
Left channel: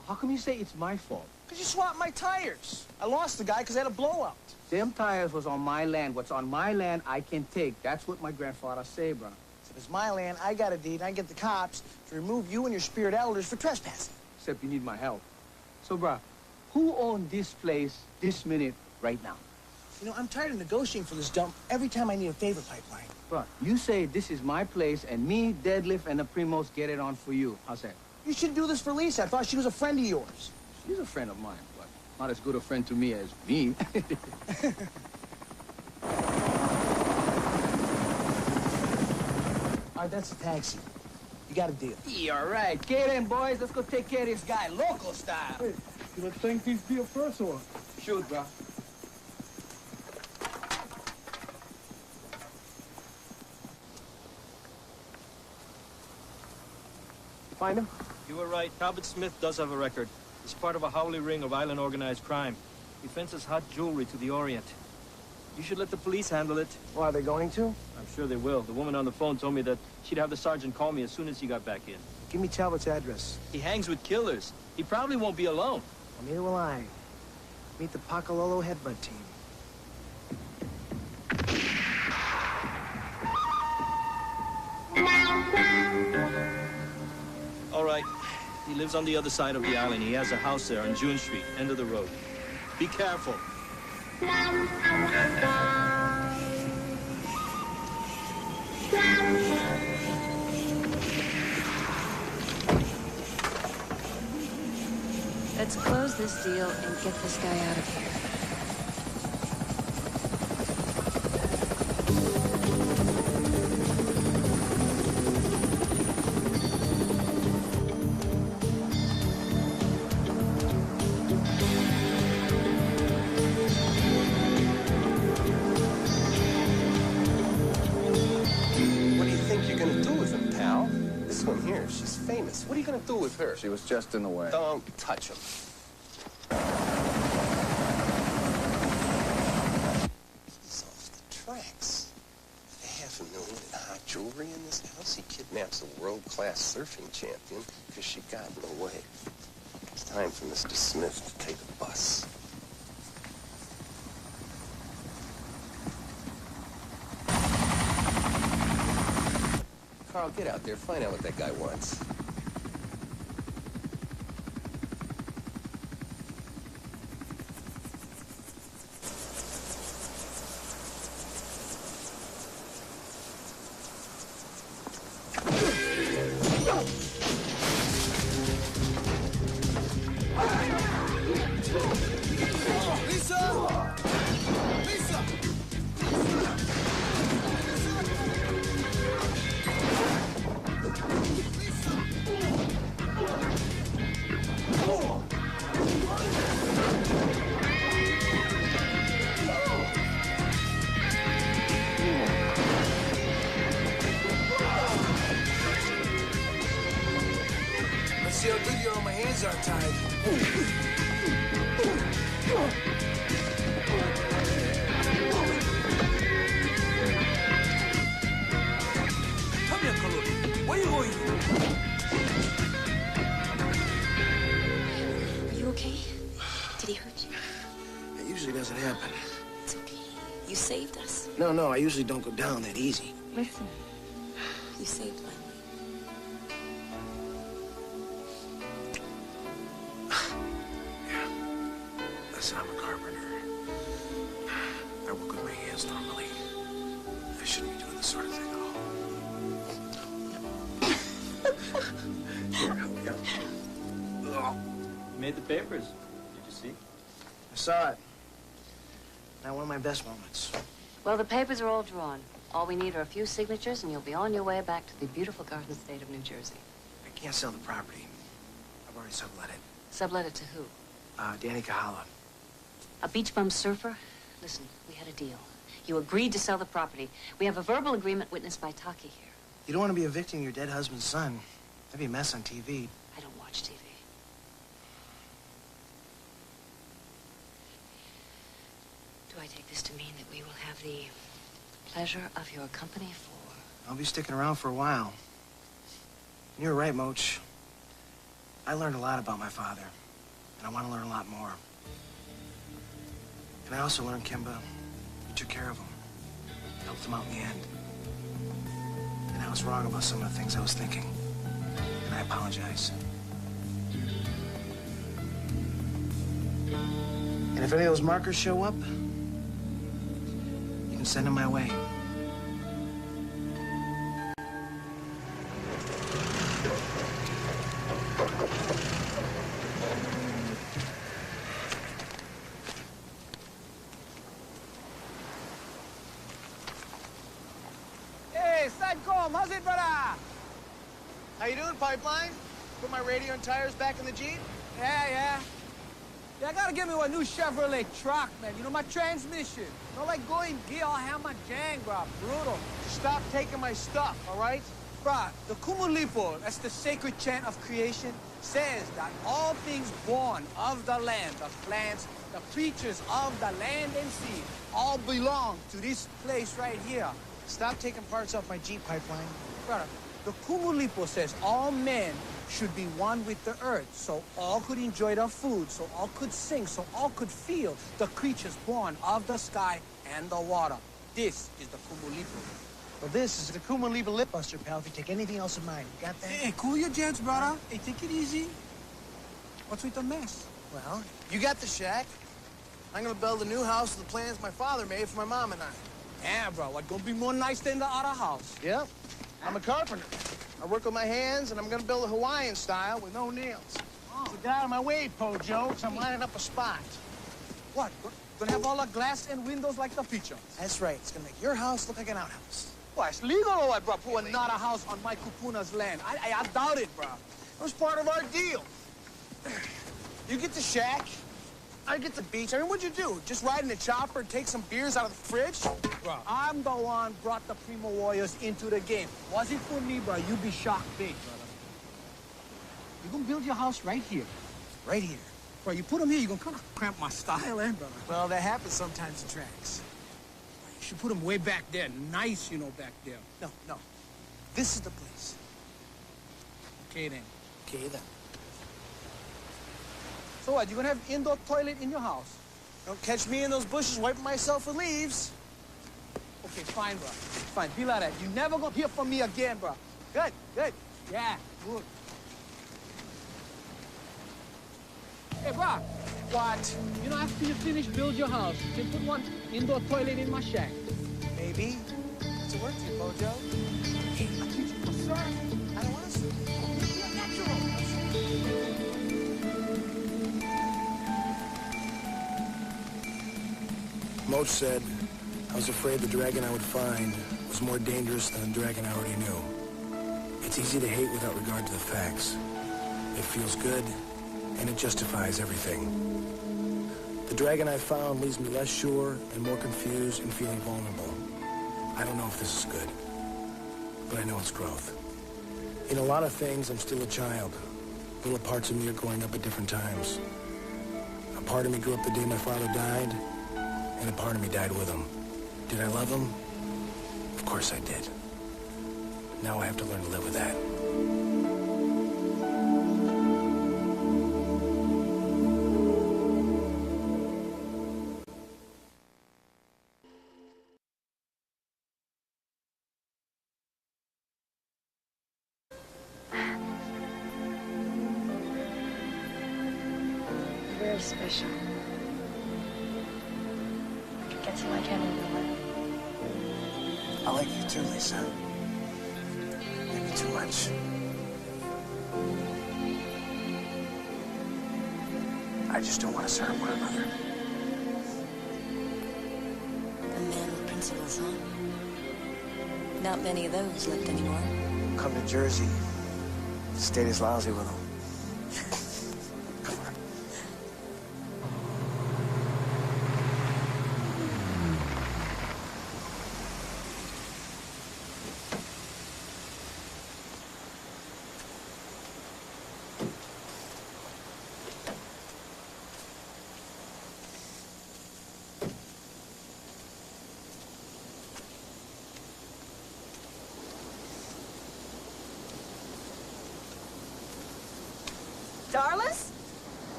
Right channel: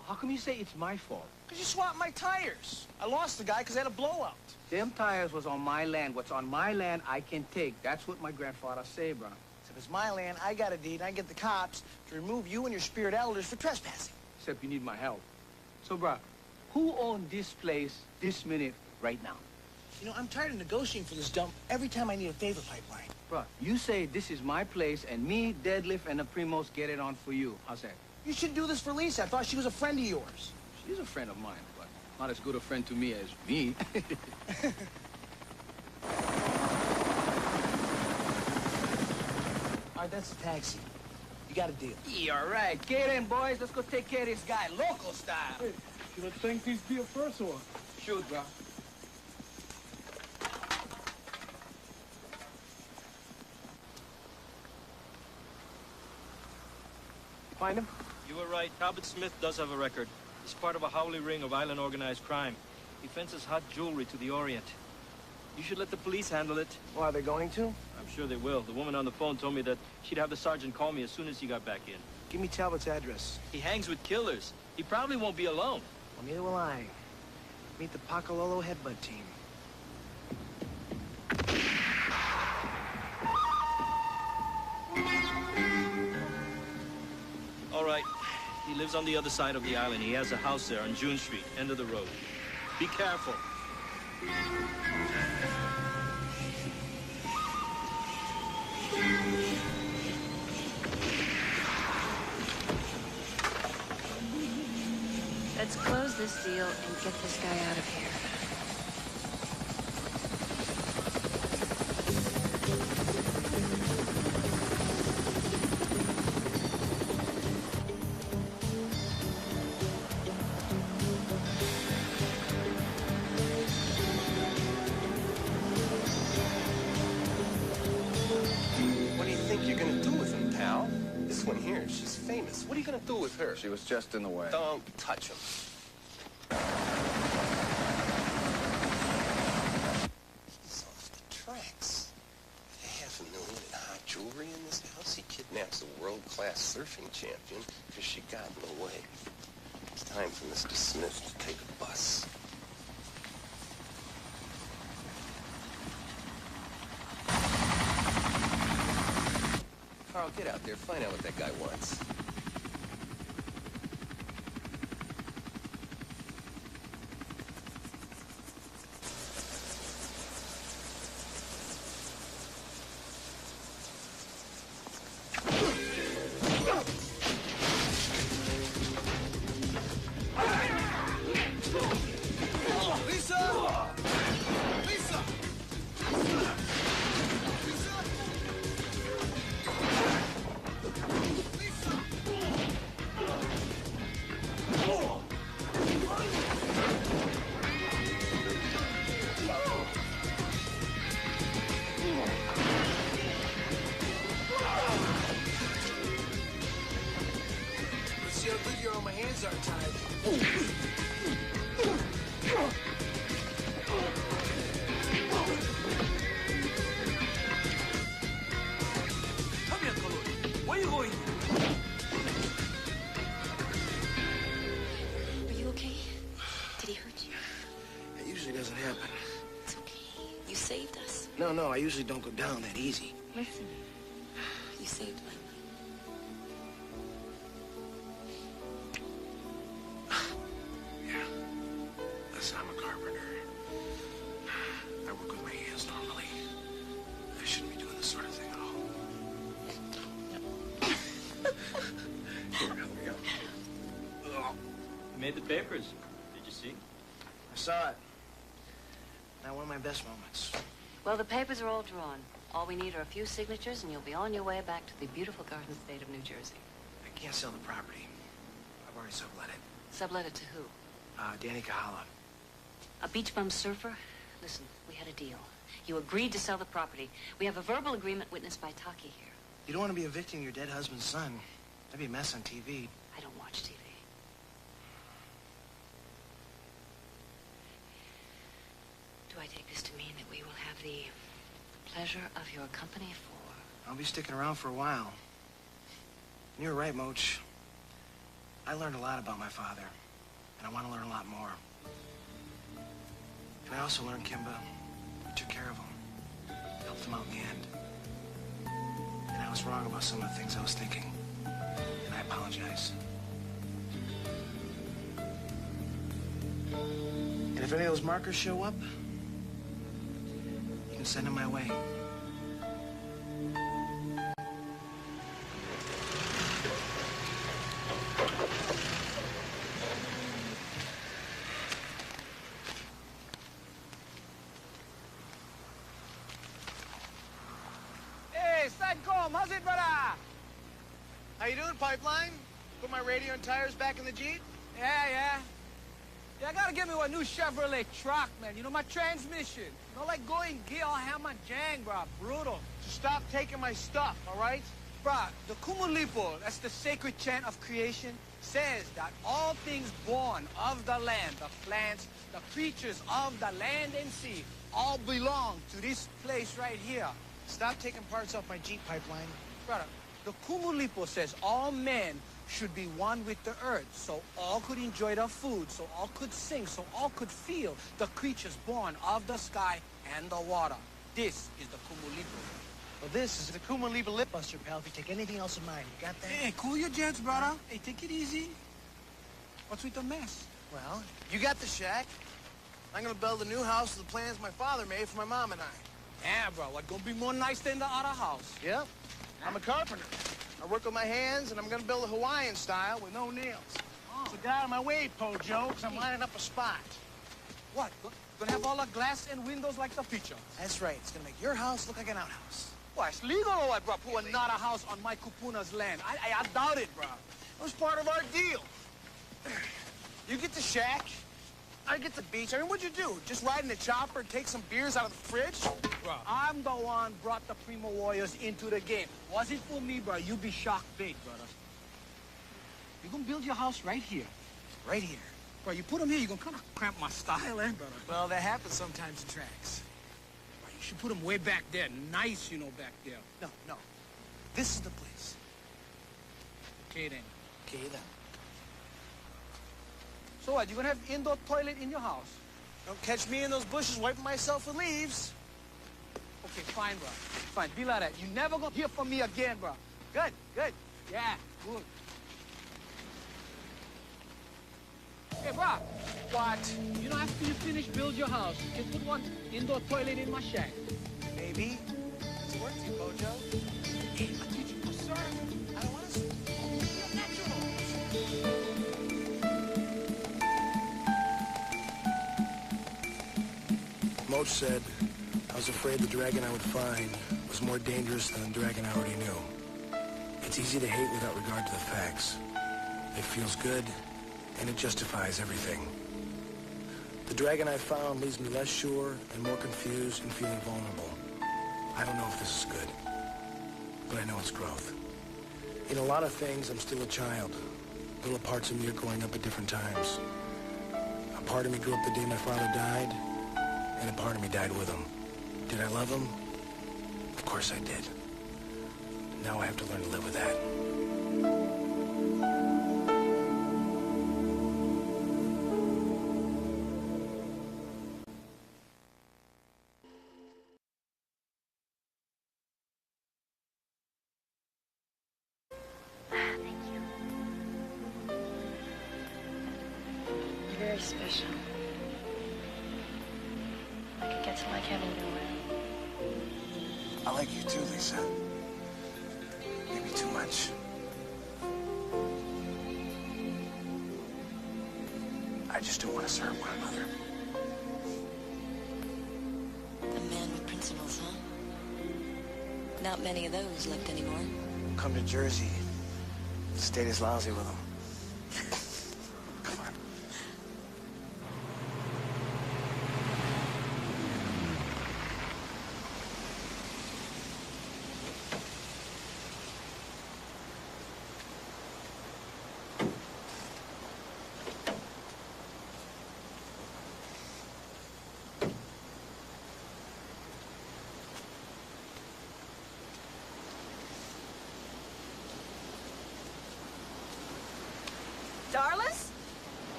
How come you say it's my fault? Because you swapped my tires. I lost the guy because I had a blowout. Them tires was on my land. What's on my land, I can take. That's what my grandfather say, bro. If it's my land, I got a deed, and I get the cops to remove you and your spirit elders for trespassing. Except you need my help. So, bro, who owns this place this minute right now? You know, I'm tired of negotiating for this dump every time I need a favor pipeline. Bro, you say this is my place, and me, Deadlift, and the Primos get it on for you. How's that? You should do this for Lisa. I thought she was a friend of yours. She's a friend of mine, but not as good a friend to me as me. All right, that's a taxi. You got a deal. Yeah, all right. Get in, boys. Let's go take care of this guy, local style. Hey, you would think these be a first one. Shoot, bro. Find him? You were right. Talbot Smith does have a record. He's part of a Howley ring of island organized crime. He fences hot jewelry to the Orient. You should let the police handle it. Well, are they going to? I'm sure they will. The woman on the phone told me that she'd have the sergeant call me as soon as he got back in. Give me Talbot's address. He hangs with killers. He probably won't be alone. Well, neither will I. Meet the Pakalolo headbutt team. All right. He lives on the other side of the island. He has a house there on June Street, end of the road. Be careful. Let's close this deal and get this guy out of here. What do you think you're gonna do with him, pal? This one here, she's famous. What are you gonna do with her? She was just in the way. Don't touch him. He's off the tracks. $500,000 in hot jewelry in this house. He kidnaps a world-class surfing champion because she got in the way. It's time for Mr. Smith to take a bus. Carl, get out there. Find out what that guy wants. Lisa! Lisa! Let's see how good you are when my hands aren't tied. Come here, Kaluri. Where are you going? Are you okay? Did he hurt you? It usually doesn't happen. It's okay. You saved us. No, I usually don't go down that easy. Listen. You saved my life. Listen, I'm a carpenter. I work with my hands normally. I shouldn't be doing this sort of thing at all. Here, help me out. You made the papers. Did you see? I saw it. Now, one of my best moments. Well, the papers are all drawn. All we need are a few signatures, and you'll be on your way back to the beautiful Garden State of New Jersey. I can't sell the property. I've already sublet it. Sublet it to who? Danny Kahala. A beach bum surfer? Listen, we had a deal. You agreed to sell the property. We have a verbal agreement witnessed by Taki here. You don't want to be evicting your dead husband's son. That'd be a mess on TV. I don't watch TV. Do I take this to mean that we will have the pleasure of your company for... I'll be sticking around for a while. And you're right, Moach. I learned a lot about my father. And I want to learn a lot more. And I also learned, Kimba, you took care of him. Helped him out in the end. And I was wrong about some of the things I was thinking. And I apologize. And if any of those markers show up, you can send them my way. Hey, Sadcom, how's it, brother? How you doing, Pipeline? Put my radio and tires back in the Jeep? Yeah, I gotta get me a new Chevrolet truck, man. You know, my transmission. Not like going gear all hammer jang, bro. Brutal. Stop taking my stuff, all right? Bruh, the Kumulipo, that's the sacred chant of creation, says that all things born of the land, the plants, the creatures of the land and sea, all belong to this place right here. Stop taking parts off my Jeep, Pipeline. Brother, the Kumulipo says all men should be one with the earth, so all could enjoy the food, so all could sing, so all could feel the creatures born of the sky and the water. This is the Kumulipo. Well, this is the Kumulipo Lip Buster, pal, if you take anything else in mind. You got that? Hey, cool your jets, brother. Hey, take it easy. What's with the mess? Well, you got the shack. I'm gonna build a new house with the plans my father made for my mom and I. Yeah, bro, what gonna be more nice than the other house? Yep. I'm a carpenter. I work with my hands, and I'm gonna build a Hawaiian style with no nails. Oh. So get out of my way, Pojo, because I'm lining up a spot. What? Gonna have all the glass and windows like the picture? That's right. It's gonna make your house look like an outhouse. What, it's legal or what, bro? Put another house on my kupuna's land. I doubt it, bro. It was part of our deal. You get the shack, I get the beach. I mean, what'd you do? Just ride in the chopper and take some beers out of the fridge? Bro, I'm the one brought the Primo Warriors into the game. Was it for me, bro, you'd be shocked big, brother. You're gonna build your house right here. Right here. Bro, you put them here, you're gonna kind of cramp my style, eh, brother? Well, that happens sometimes in tracks. Bro, you should put them way back there. Nice, you know, back there. No. This is the place. Okay, then. Okay, then. So what, you gonna have indoor toilet in your house? Don't catch me in those bushes wiping myself with leaves. Okay, fine, bro. Fine, be like that. You never gonna hear from me again, bro. Good. Yeah, good. Hey, bro. What? You know, after you finish build your house, you can put one indoor toilet in my shack. Maybe. What's it worth to you, Bojo? Hey, I teach you to surf. I don't want to surf. Oh, you be a natural. Moach said, I was afraid the dragon I would find was more dangerous than the dragon I already knew. It's easy to hate without regard to the facts. It feels good, and it justifies everything. The dragon I found leaves me less sure and more confused and feeling vulnerable. I don't know if this is good, but I know it's growth. In a lot of things, I'm still a child. Little parts of me are growing up at different times. A part of me grew up the day my father died, and a part of me died with him. Did I love him? Of course I did. Now I have to learn to live with that. You're very special. I could get to like him in a way. I like you too, Lisa. Maybe too much. I just don't want us to hurt one another. A man with principles, huh? Not many of those left anymore. Come to Jersey. State is lousy with them. Come on.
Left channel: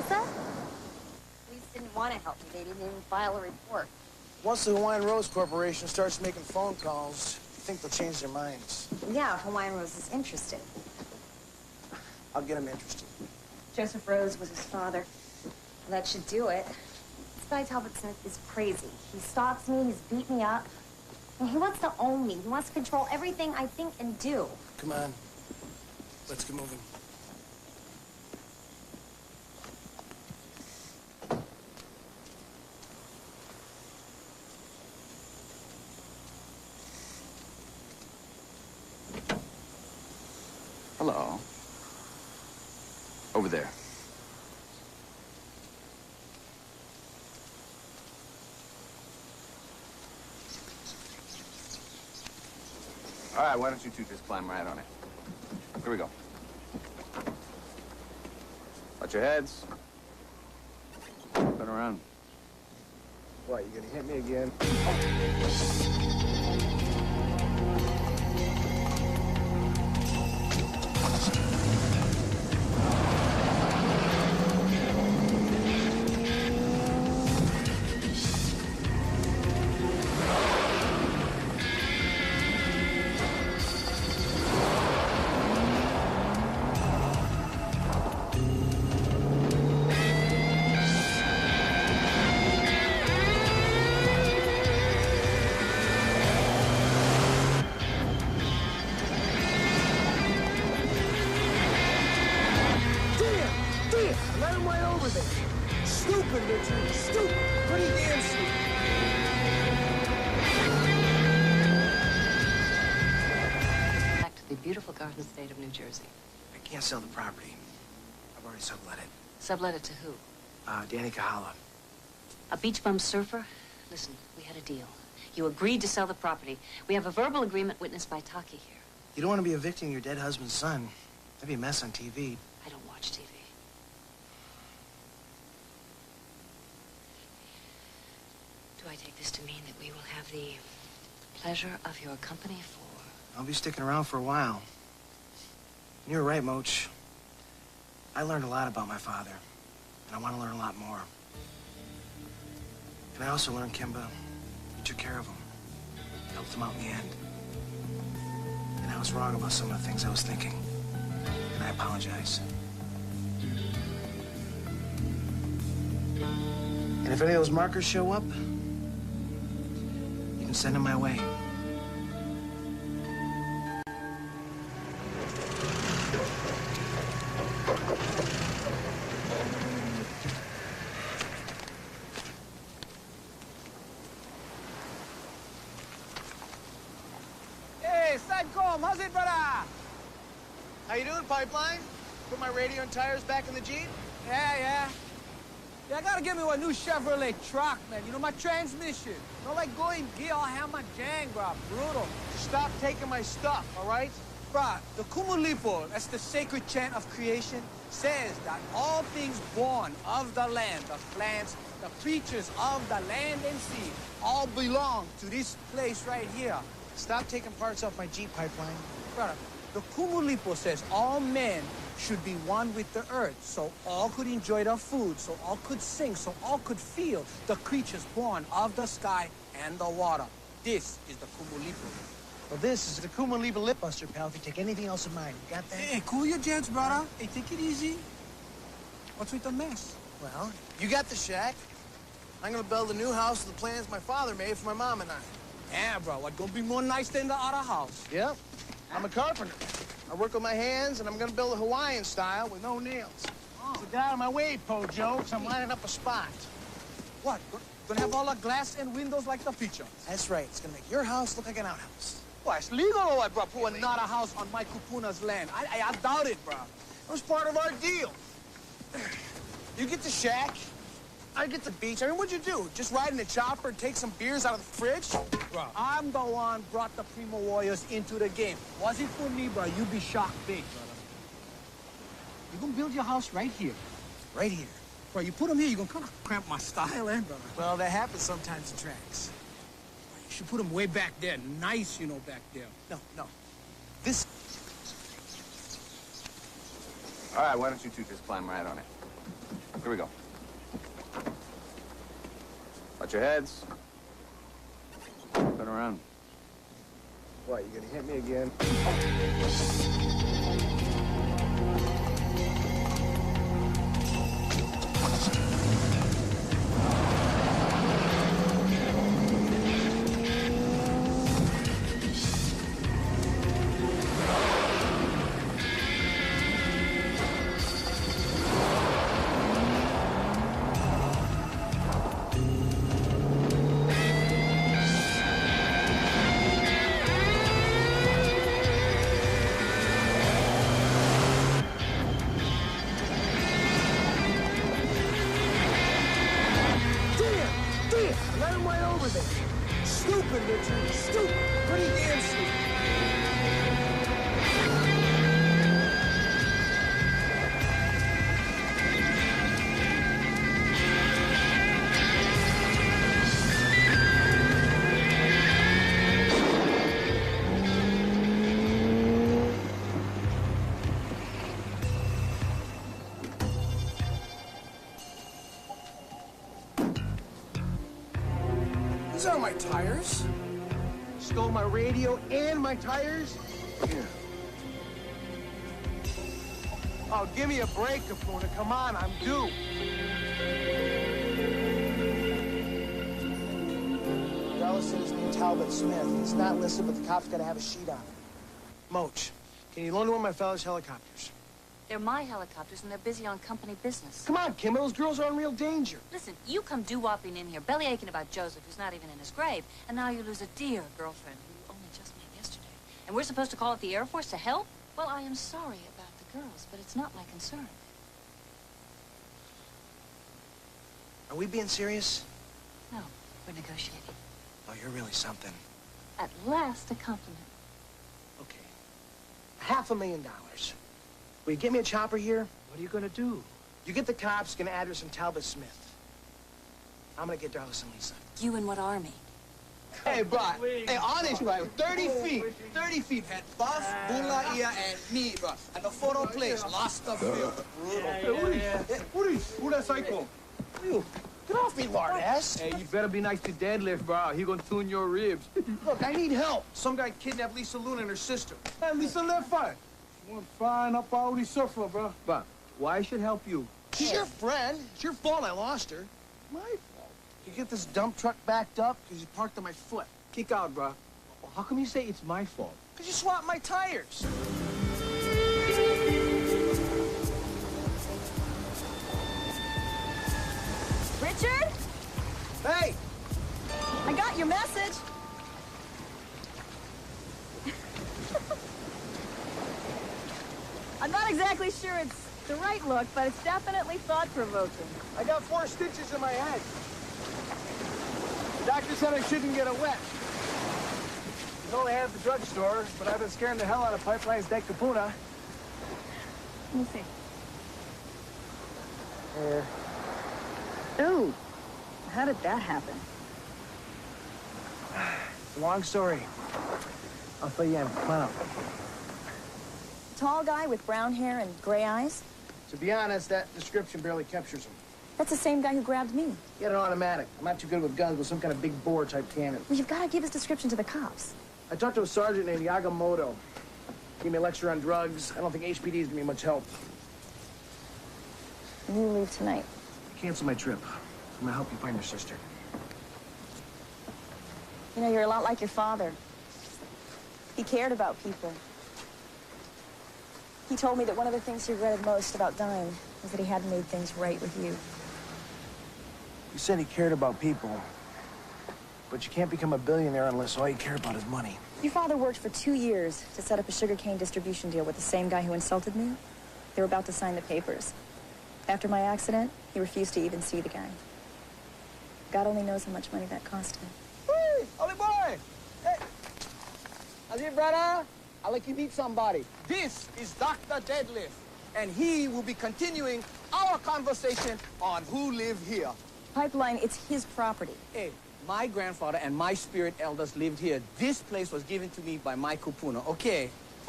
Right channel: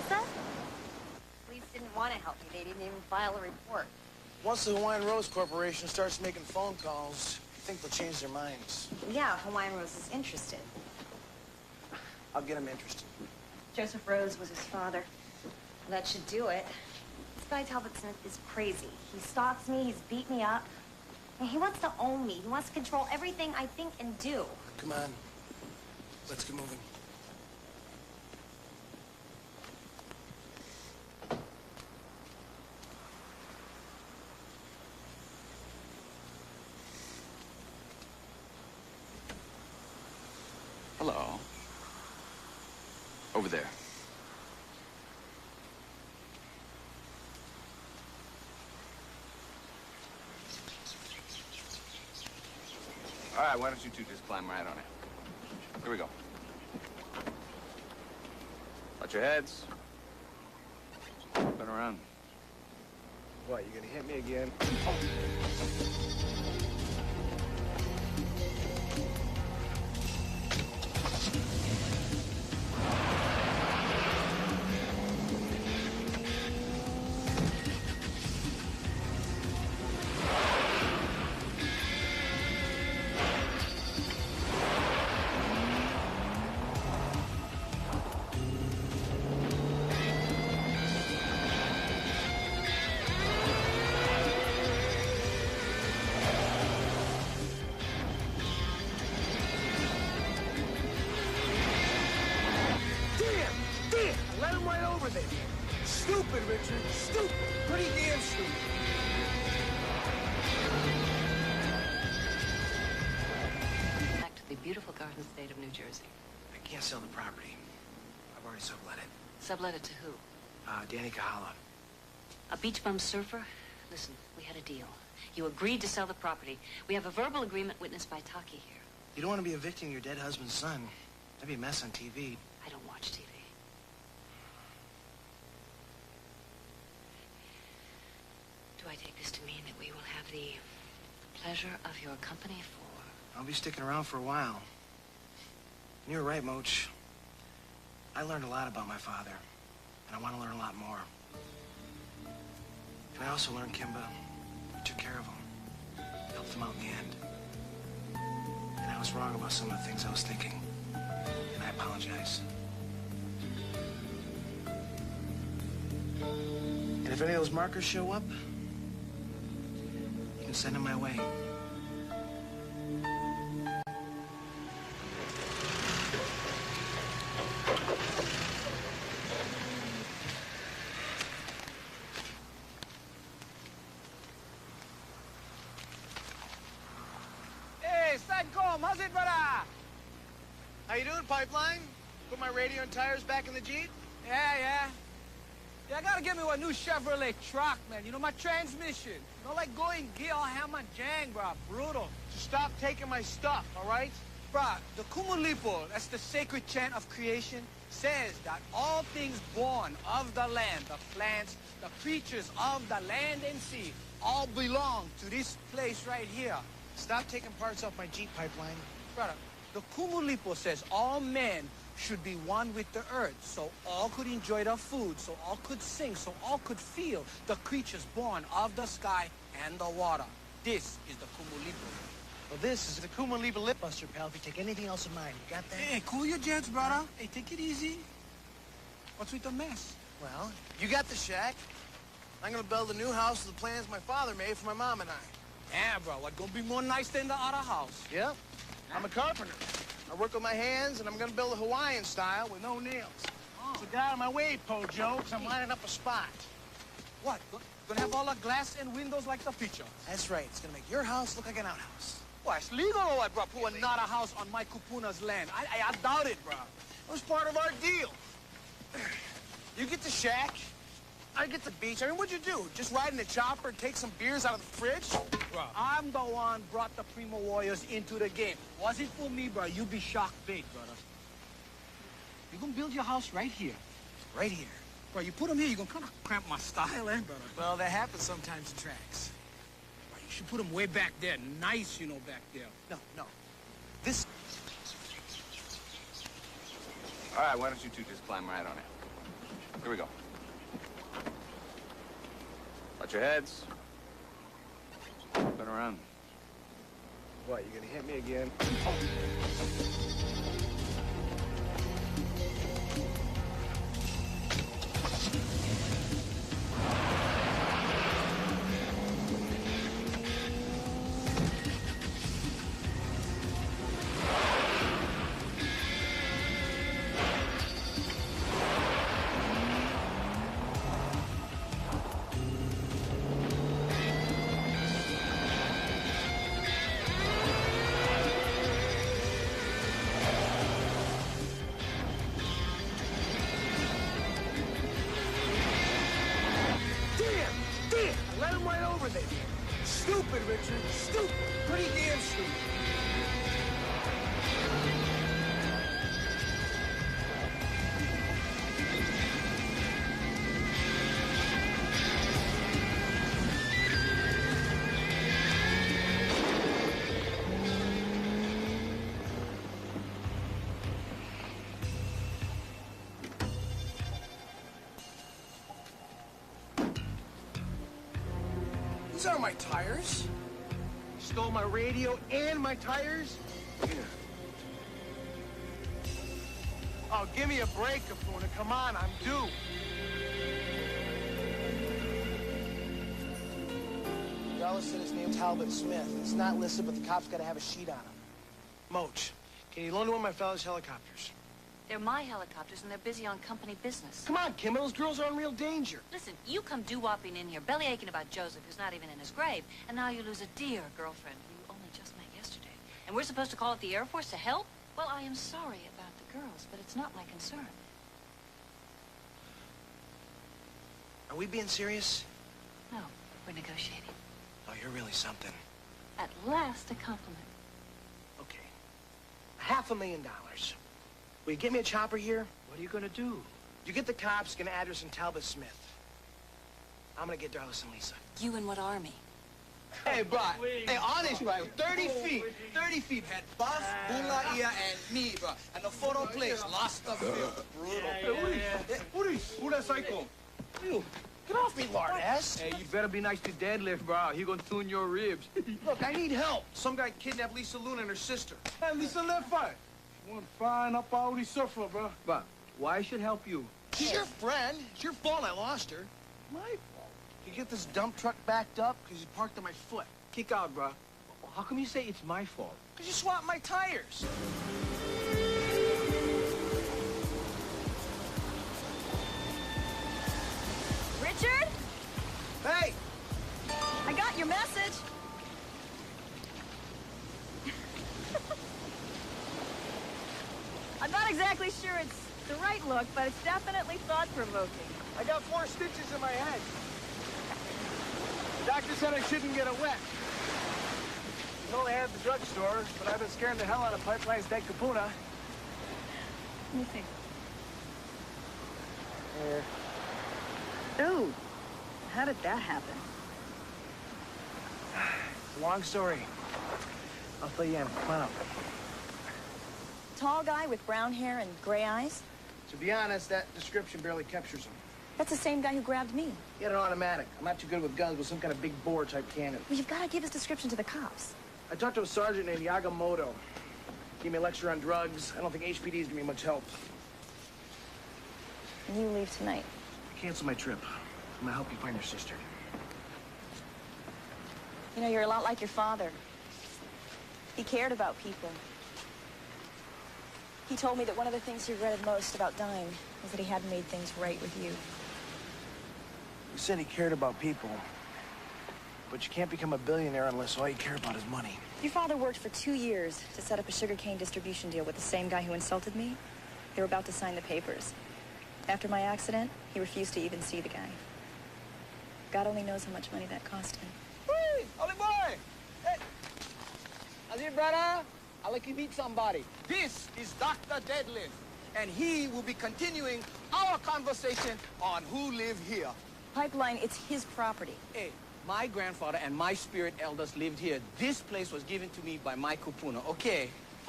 Lisa? Police didn't want to help me. They didn't even file a report. Once the Hawaiian Rose Corporation starts making phone calls, I think they'll change their minds. Yeah, Hawaiian Rose is interested. I'll get them interested. Joseph Rose was his father. That should do it. This guy Talbot Smith is crazy. He stalks me, he's beat me up. And he wants to own me. He wants to control everything I think and do. Come on. Let's get moving. Hello. Over there. All right, why don't you two just climb right on it? Here we go. Watch your heads. Turn around. What, you gonna hit me again? Stupid, Richard. Stupid. Pretty damn stupid. Back to the beautiful Garden State of New Jersey. I can't sell the property. I've already sublet it. Sublet it to who? Danny Kahala. A beach bum surfer? Listen, we had a deal. You agreed to sell the property. We have a verbal agreement witnessed by Taki here. You don't want to be evicting your dead husband's son. That'd be a mess on TV. I don't watch TV. Do I take this to mean that we will have the pleasure of your company for... I'll be sticking around for a while. And you're right, Moach. I learned a lot about my father, and I want to learn a lot more. And I also learned, Kimba, you took care of him, helped him out in the end. And I was wrong about some of the things I was thinking, and I apologize. And if any of those markers show up, you can send them my way. Hey, Sidecombe, how's it, brother? How you doing, Pipeline? Put my radio and tires back in the Jeep? Yeah, I gotta get me a new Chevrolet truck, man. You know, my transmission. Not like going gear, I'll have my jang, bro. Brutal. Stop taking my stuff, all right? Bruh, the Kumulipo, that's the sacred chant of creation, says that all things born of the land, the plants, the creatures of the land and sea, all belong to this place right here. Stop taking parts off my Jeep, Pipeline. Brother, the Kumulipo says all men should be one with the earth, so all could enjoy their food, so all could sing, so all could feel the creatures born of the sky and the water. This is the Kumulipo. Well, this is the Kumulipo Lip Buster, pal, if you take anything else of mine. You got that? Hey, cool your jets, brother. Hey, take it easy. What's with the mess? Well, you got the shack. I'm gonna build a new house with the plans my father made for my mom and I. Yeah, bro, what gonna be more nice than the other house? Yep. I'm a carpenter. I work with my hands, and I'm gonna build a Hawaiian style with no nails. Oh. But get out of my way, Pojo, because I'm lining up a spot. What? Gonna have all the glass and windows like the picture? That's right. It's gonna make your house look like an outhouse. Well, it's legal or what, bro? Put another house on my kupuna's land. I doubt it, bro. It was part of our deal. You get the shack, I get the beach. I mean, what'd you do? Just ride in the chopper and take some beers out of the fridge? Bro, I'm the one brought the Primo Warriors into the game. Was it for me, bro, you'd be shocked big, brother. You're gonna build your house right here. Right here. Bro, you put them here, you're gonna kind of cramp my style, eh, brother? Well, that happens sometimes in tracks. Bro, you should put them way back there. Nice, you know, back there. No. This... All right, why don't you two just climb right on it? Here we go. Watch your heads. Turn around. What, you gonna hit me again? I let him right over there. Stupid, Richard. Stupid. Pretty damn stupid. These aren't my tires. Stole my radio and my tires? Yeah. Oh, give me a break, Capuna. Come on, I'm due. Darla said his name's Talbot Smith. He's not listed, but the cops gotta have a sheet on him. Moach, can you loan one of my fellas' helicopters? They're my helicopters, and they're busy on company business. Come on, Kim, those girls are in real danger. Listen, you come doo-wopping in here, belly aching about Joseph, who's not even in his grave, and now you lose a dear girlfriend who you only just met yesterday. And we're supposed to call up the Air Force to help? Well, I am sorry about the girls, but it's not my concern. Are we being serious? No, we're negotiating. Oh, you're really something. At last, a compliment. Okay. $500,000. Will you get me a chopper here? What are you gonna do? You get the cops, get an address on Talbot Smith. I'm gonna get Darlis and Lisa. You in what army? Hey, bro. Hey, honest, bro. 30 feet. 30 feet. Had Buff, Bula, Ia, and me, bro. And the photo place, lost the field. Brutal. Who that psycho? You. Get off me, lard ass. Hey, you better be nice to deadlift, bro. He gonna tune your ribs. Look, I need help. Some guy kidnapped Lisa Luna and her sister. Hey, Lisa left fine. One fine up all these surfer, bro. But why I should help you? She's your friend. It's your fault I lost her. My fault. You get this dump truck backed up because you parked on my foot. Kick out, bro. Well, how come you say it's my fault? Because you swapped my tires. Richard? Hey! I got your message. I'm not exactly sure it's the right look, but it's definitely thought-provoking. I got 4 stitches in my head. The doctor said I shouldn't get it wet. He's only had at the drugstore, but I've been scaring the hell out of Pipeline's dead Capuna. Let me see. Here. Ooh, how did that happen? It's a long story. I'll fill you in. Come on up. Tall guy with brown hair and gray eyes? To be honest, that description barely captures him. That's the same guy who grabbed me. He had an automatic. I'm not too good with guns, with some kind of big bore type cannon. Well, you've got to give his description to the cops. I talked to a sergeant named Yagamoto. Gave me a lecture on drugs. I don't think HPD is gonna be much help. And you leave tonight. Cancel my trip. I'm gonna help you find your sister. You know, you're a lot like your father. He cared about people. He told me that one of the things he regretted most about dying was that he hadn't made things right with you. You said he cared about people, but you can't become a billionaire unless all you care about is money. Your father worked for 2 years to set up a sugarcane distribution deal with the same guy who insulted me. They were about to sign the papers. After my accident, he refused to even see the guy. God only knows how much money that cost him. Hey, Ollie boy! Hey! How's it, brother? I'd like to meet somebody. This is Dr. Deadlift, and he will be continuing our conversation on who live here. Pipeline, it's his property. Hey, my grandfather and my spirit elders lived here. This place was given to me by my kupuna, okay?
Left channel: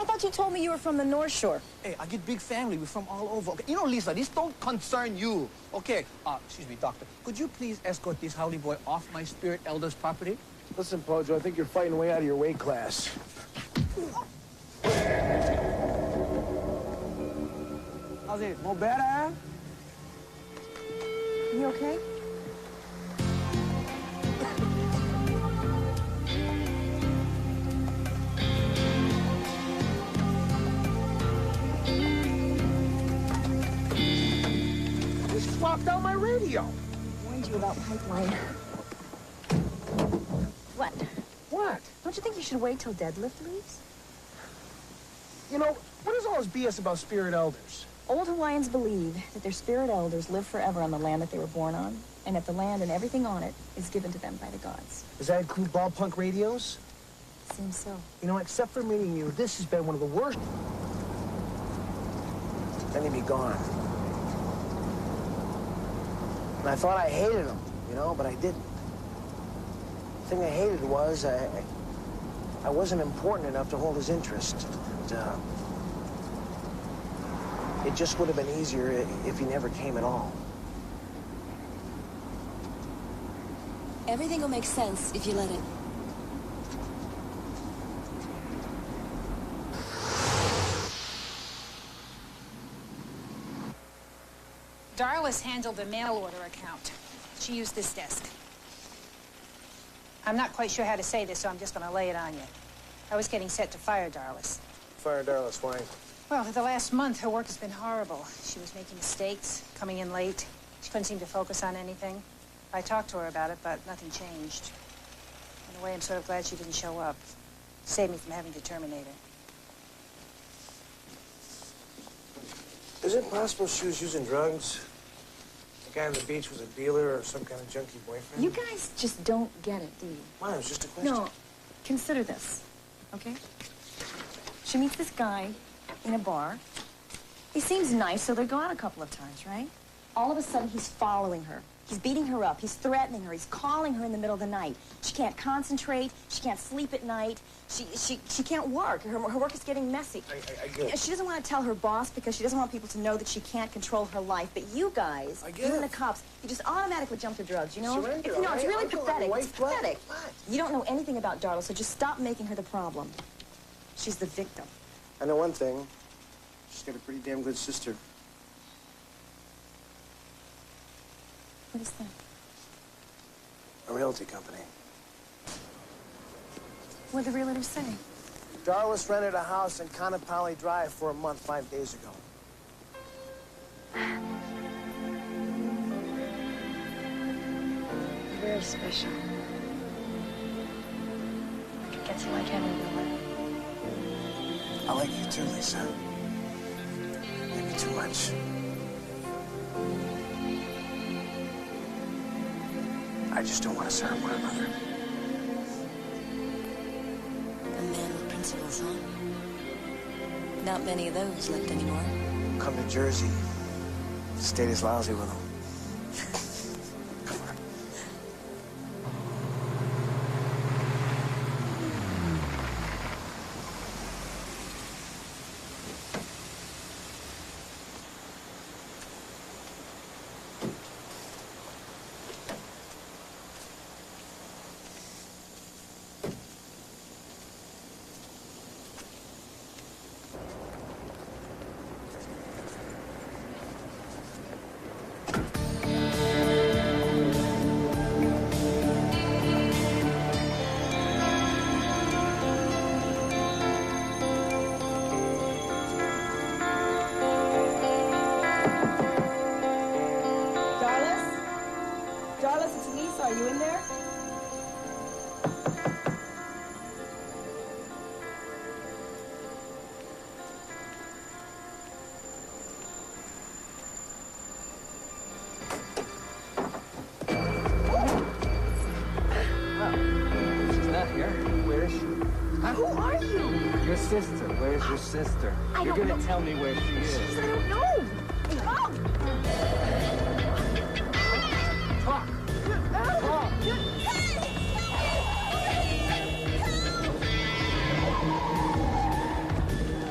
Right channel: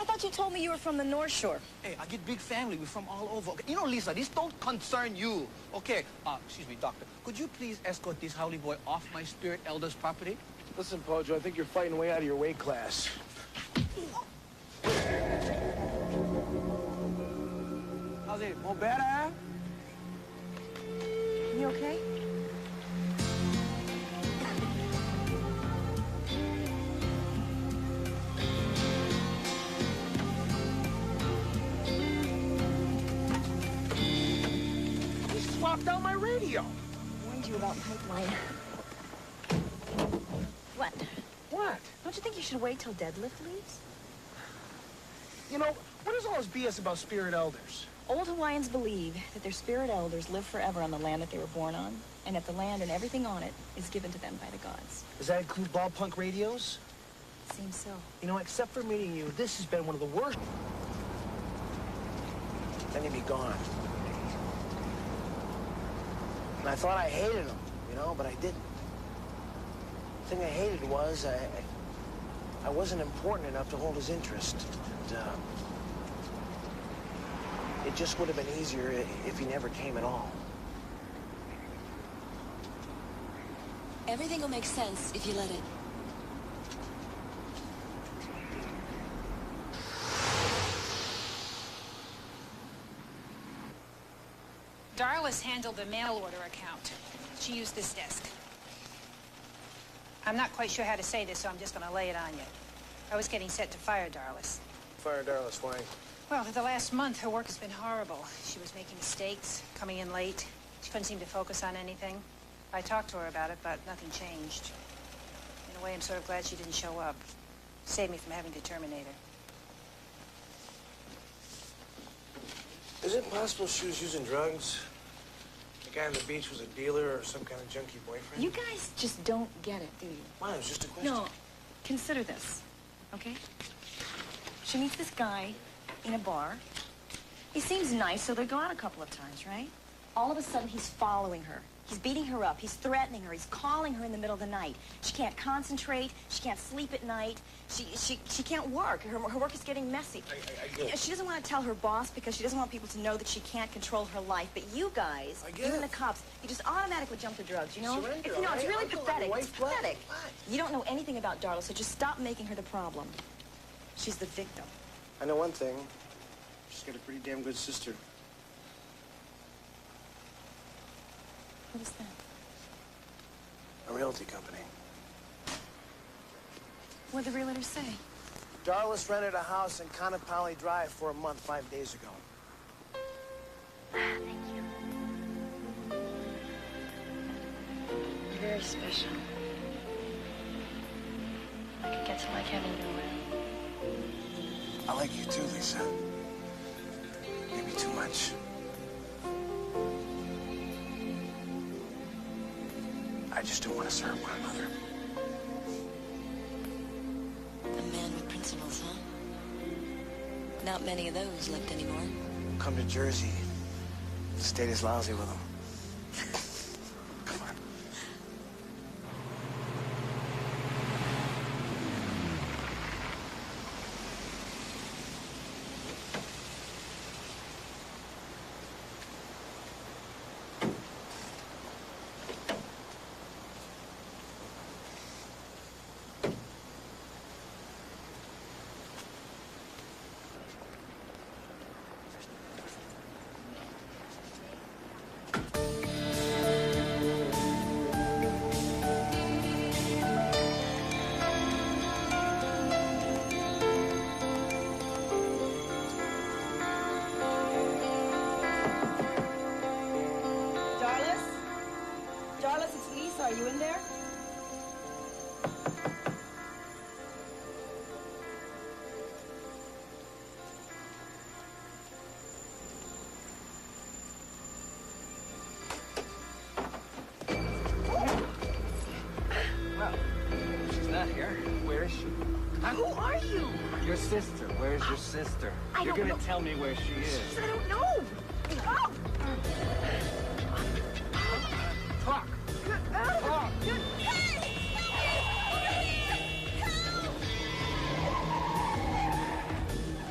I thought you told me you were from the North Shore. Hey, I get big family. We're from all over. Okay? You know, Lisa, this don't concern you. Okay, excuse me, doctor. Could you please escort this howly boy off my spirit elder's property? Listen, Pojo, I think you're fighting way out of your weight class. How's it? More better? You okay? He swapped out my radio. I warned you about pipeline. What? What? Don't you think you should wait till deadlift leaves? You know, what is all this BS about spirit elders? Old Hawaiians believe that their spirit elders live forever on the land that they were born on, and that the land and everything on it is given to them by the gods. Does that include ball punk radios? Seems so. You know, except for meeting you, this has been one of the worst. Then he'd be gone. And I thought I hated him, you know, but I didn't. The thing I hated was I wasn't important enough to hold his interest. And, it just would have been easier if he never came at all. Everything will make sense if you let it. Darla's handled the mail order account. She used this desk. I'm not quite sure how to say this, so I'm just going to lay it on you. I was getting set to fire Darla's. Fire Darla's, why? Well, for the last month, her work has been horrible. She was making mistakes, coming in late. She couldn't seem to focus on anything. I talked to her about it, but nothing changed. In a way, I'm sort of glad she didn't show up. Saved me from having to terminate her. Is it possible she was using drugs? The guy on the beach was a dealer or some kind of junkie boyfriend? You guys just don't get it, do you? Why? It was just a question. No, consider this, okay? She meets this guy in a bar. He seems nice, so they go out a couple of times, right? All of a sudden, he's following her. He's beating her up. He's threatening her. He's calling her in the middle of the night. She can't concentrate. She can't sleep at night. She can't work. Her work is getting messy. I get it. She doesn't want to tell her boss because she doesn't want people to know that she can't control her life. But you guys, even the cops, you just automatically jump to drugs, you know? Surrender, It's really pathetic. white It's flag. pathetic. You don't know anything about Darla, so just stop making her the problem. She's the victim. I know one thing. She's got a pretty damn good sister. What is that? A realty company. What'd the realtor say? Darla's rented a house in Kanapali Drive for a month 5 days ago. Thank you. You're very special. I could get to like him in real life. I like you too, Lisa. Maybe too much. I just don't want us to hurt one another. A man with principles, huh? Not many of those left anymore. Come to Jersey. State is lousy with them. Come on. Darlis, it's Lisa. Are you in there? Well, she's not here. Where is she? Huh? Who are you? Your sister. Where's your sister? You're gonna tell me where she is. I don't know. Oh! Talk. Talk.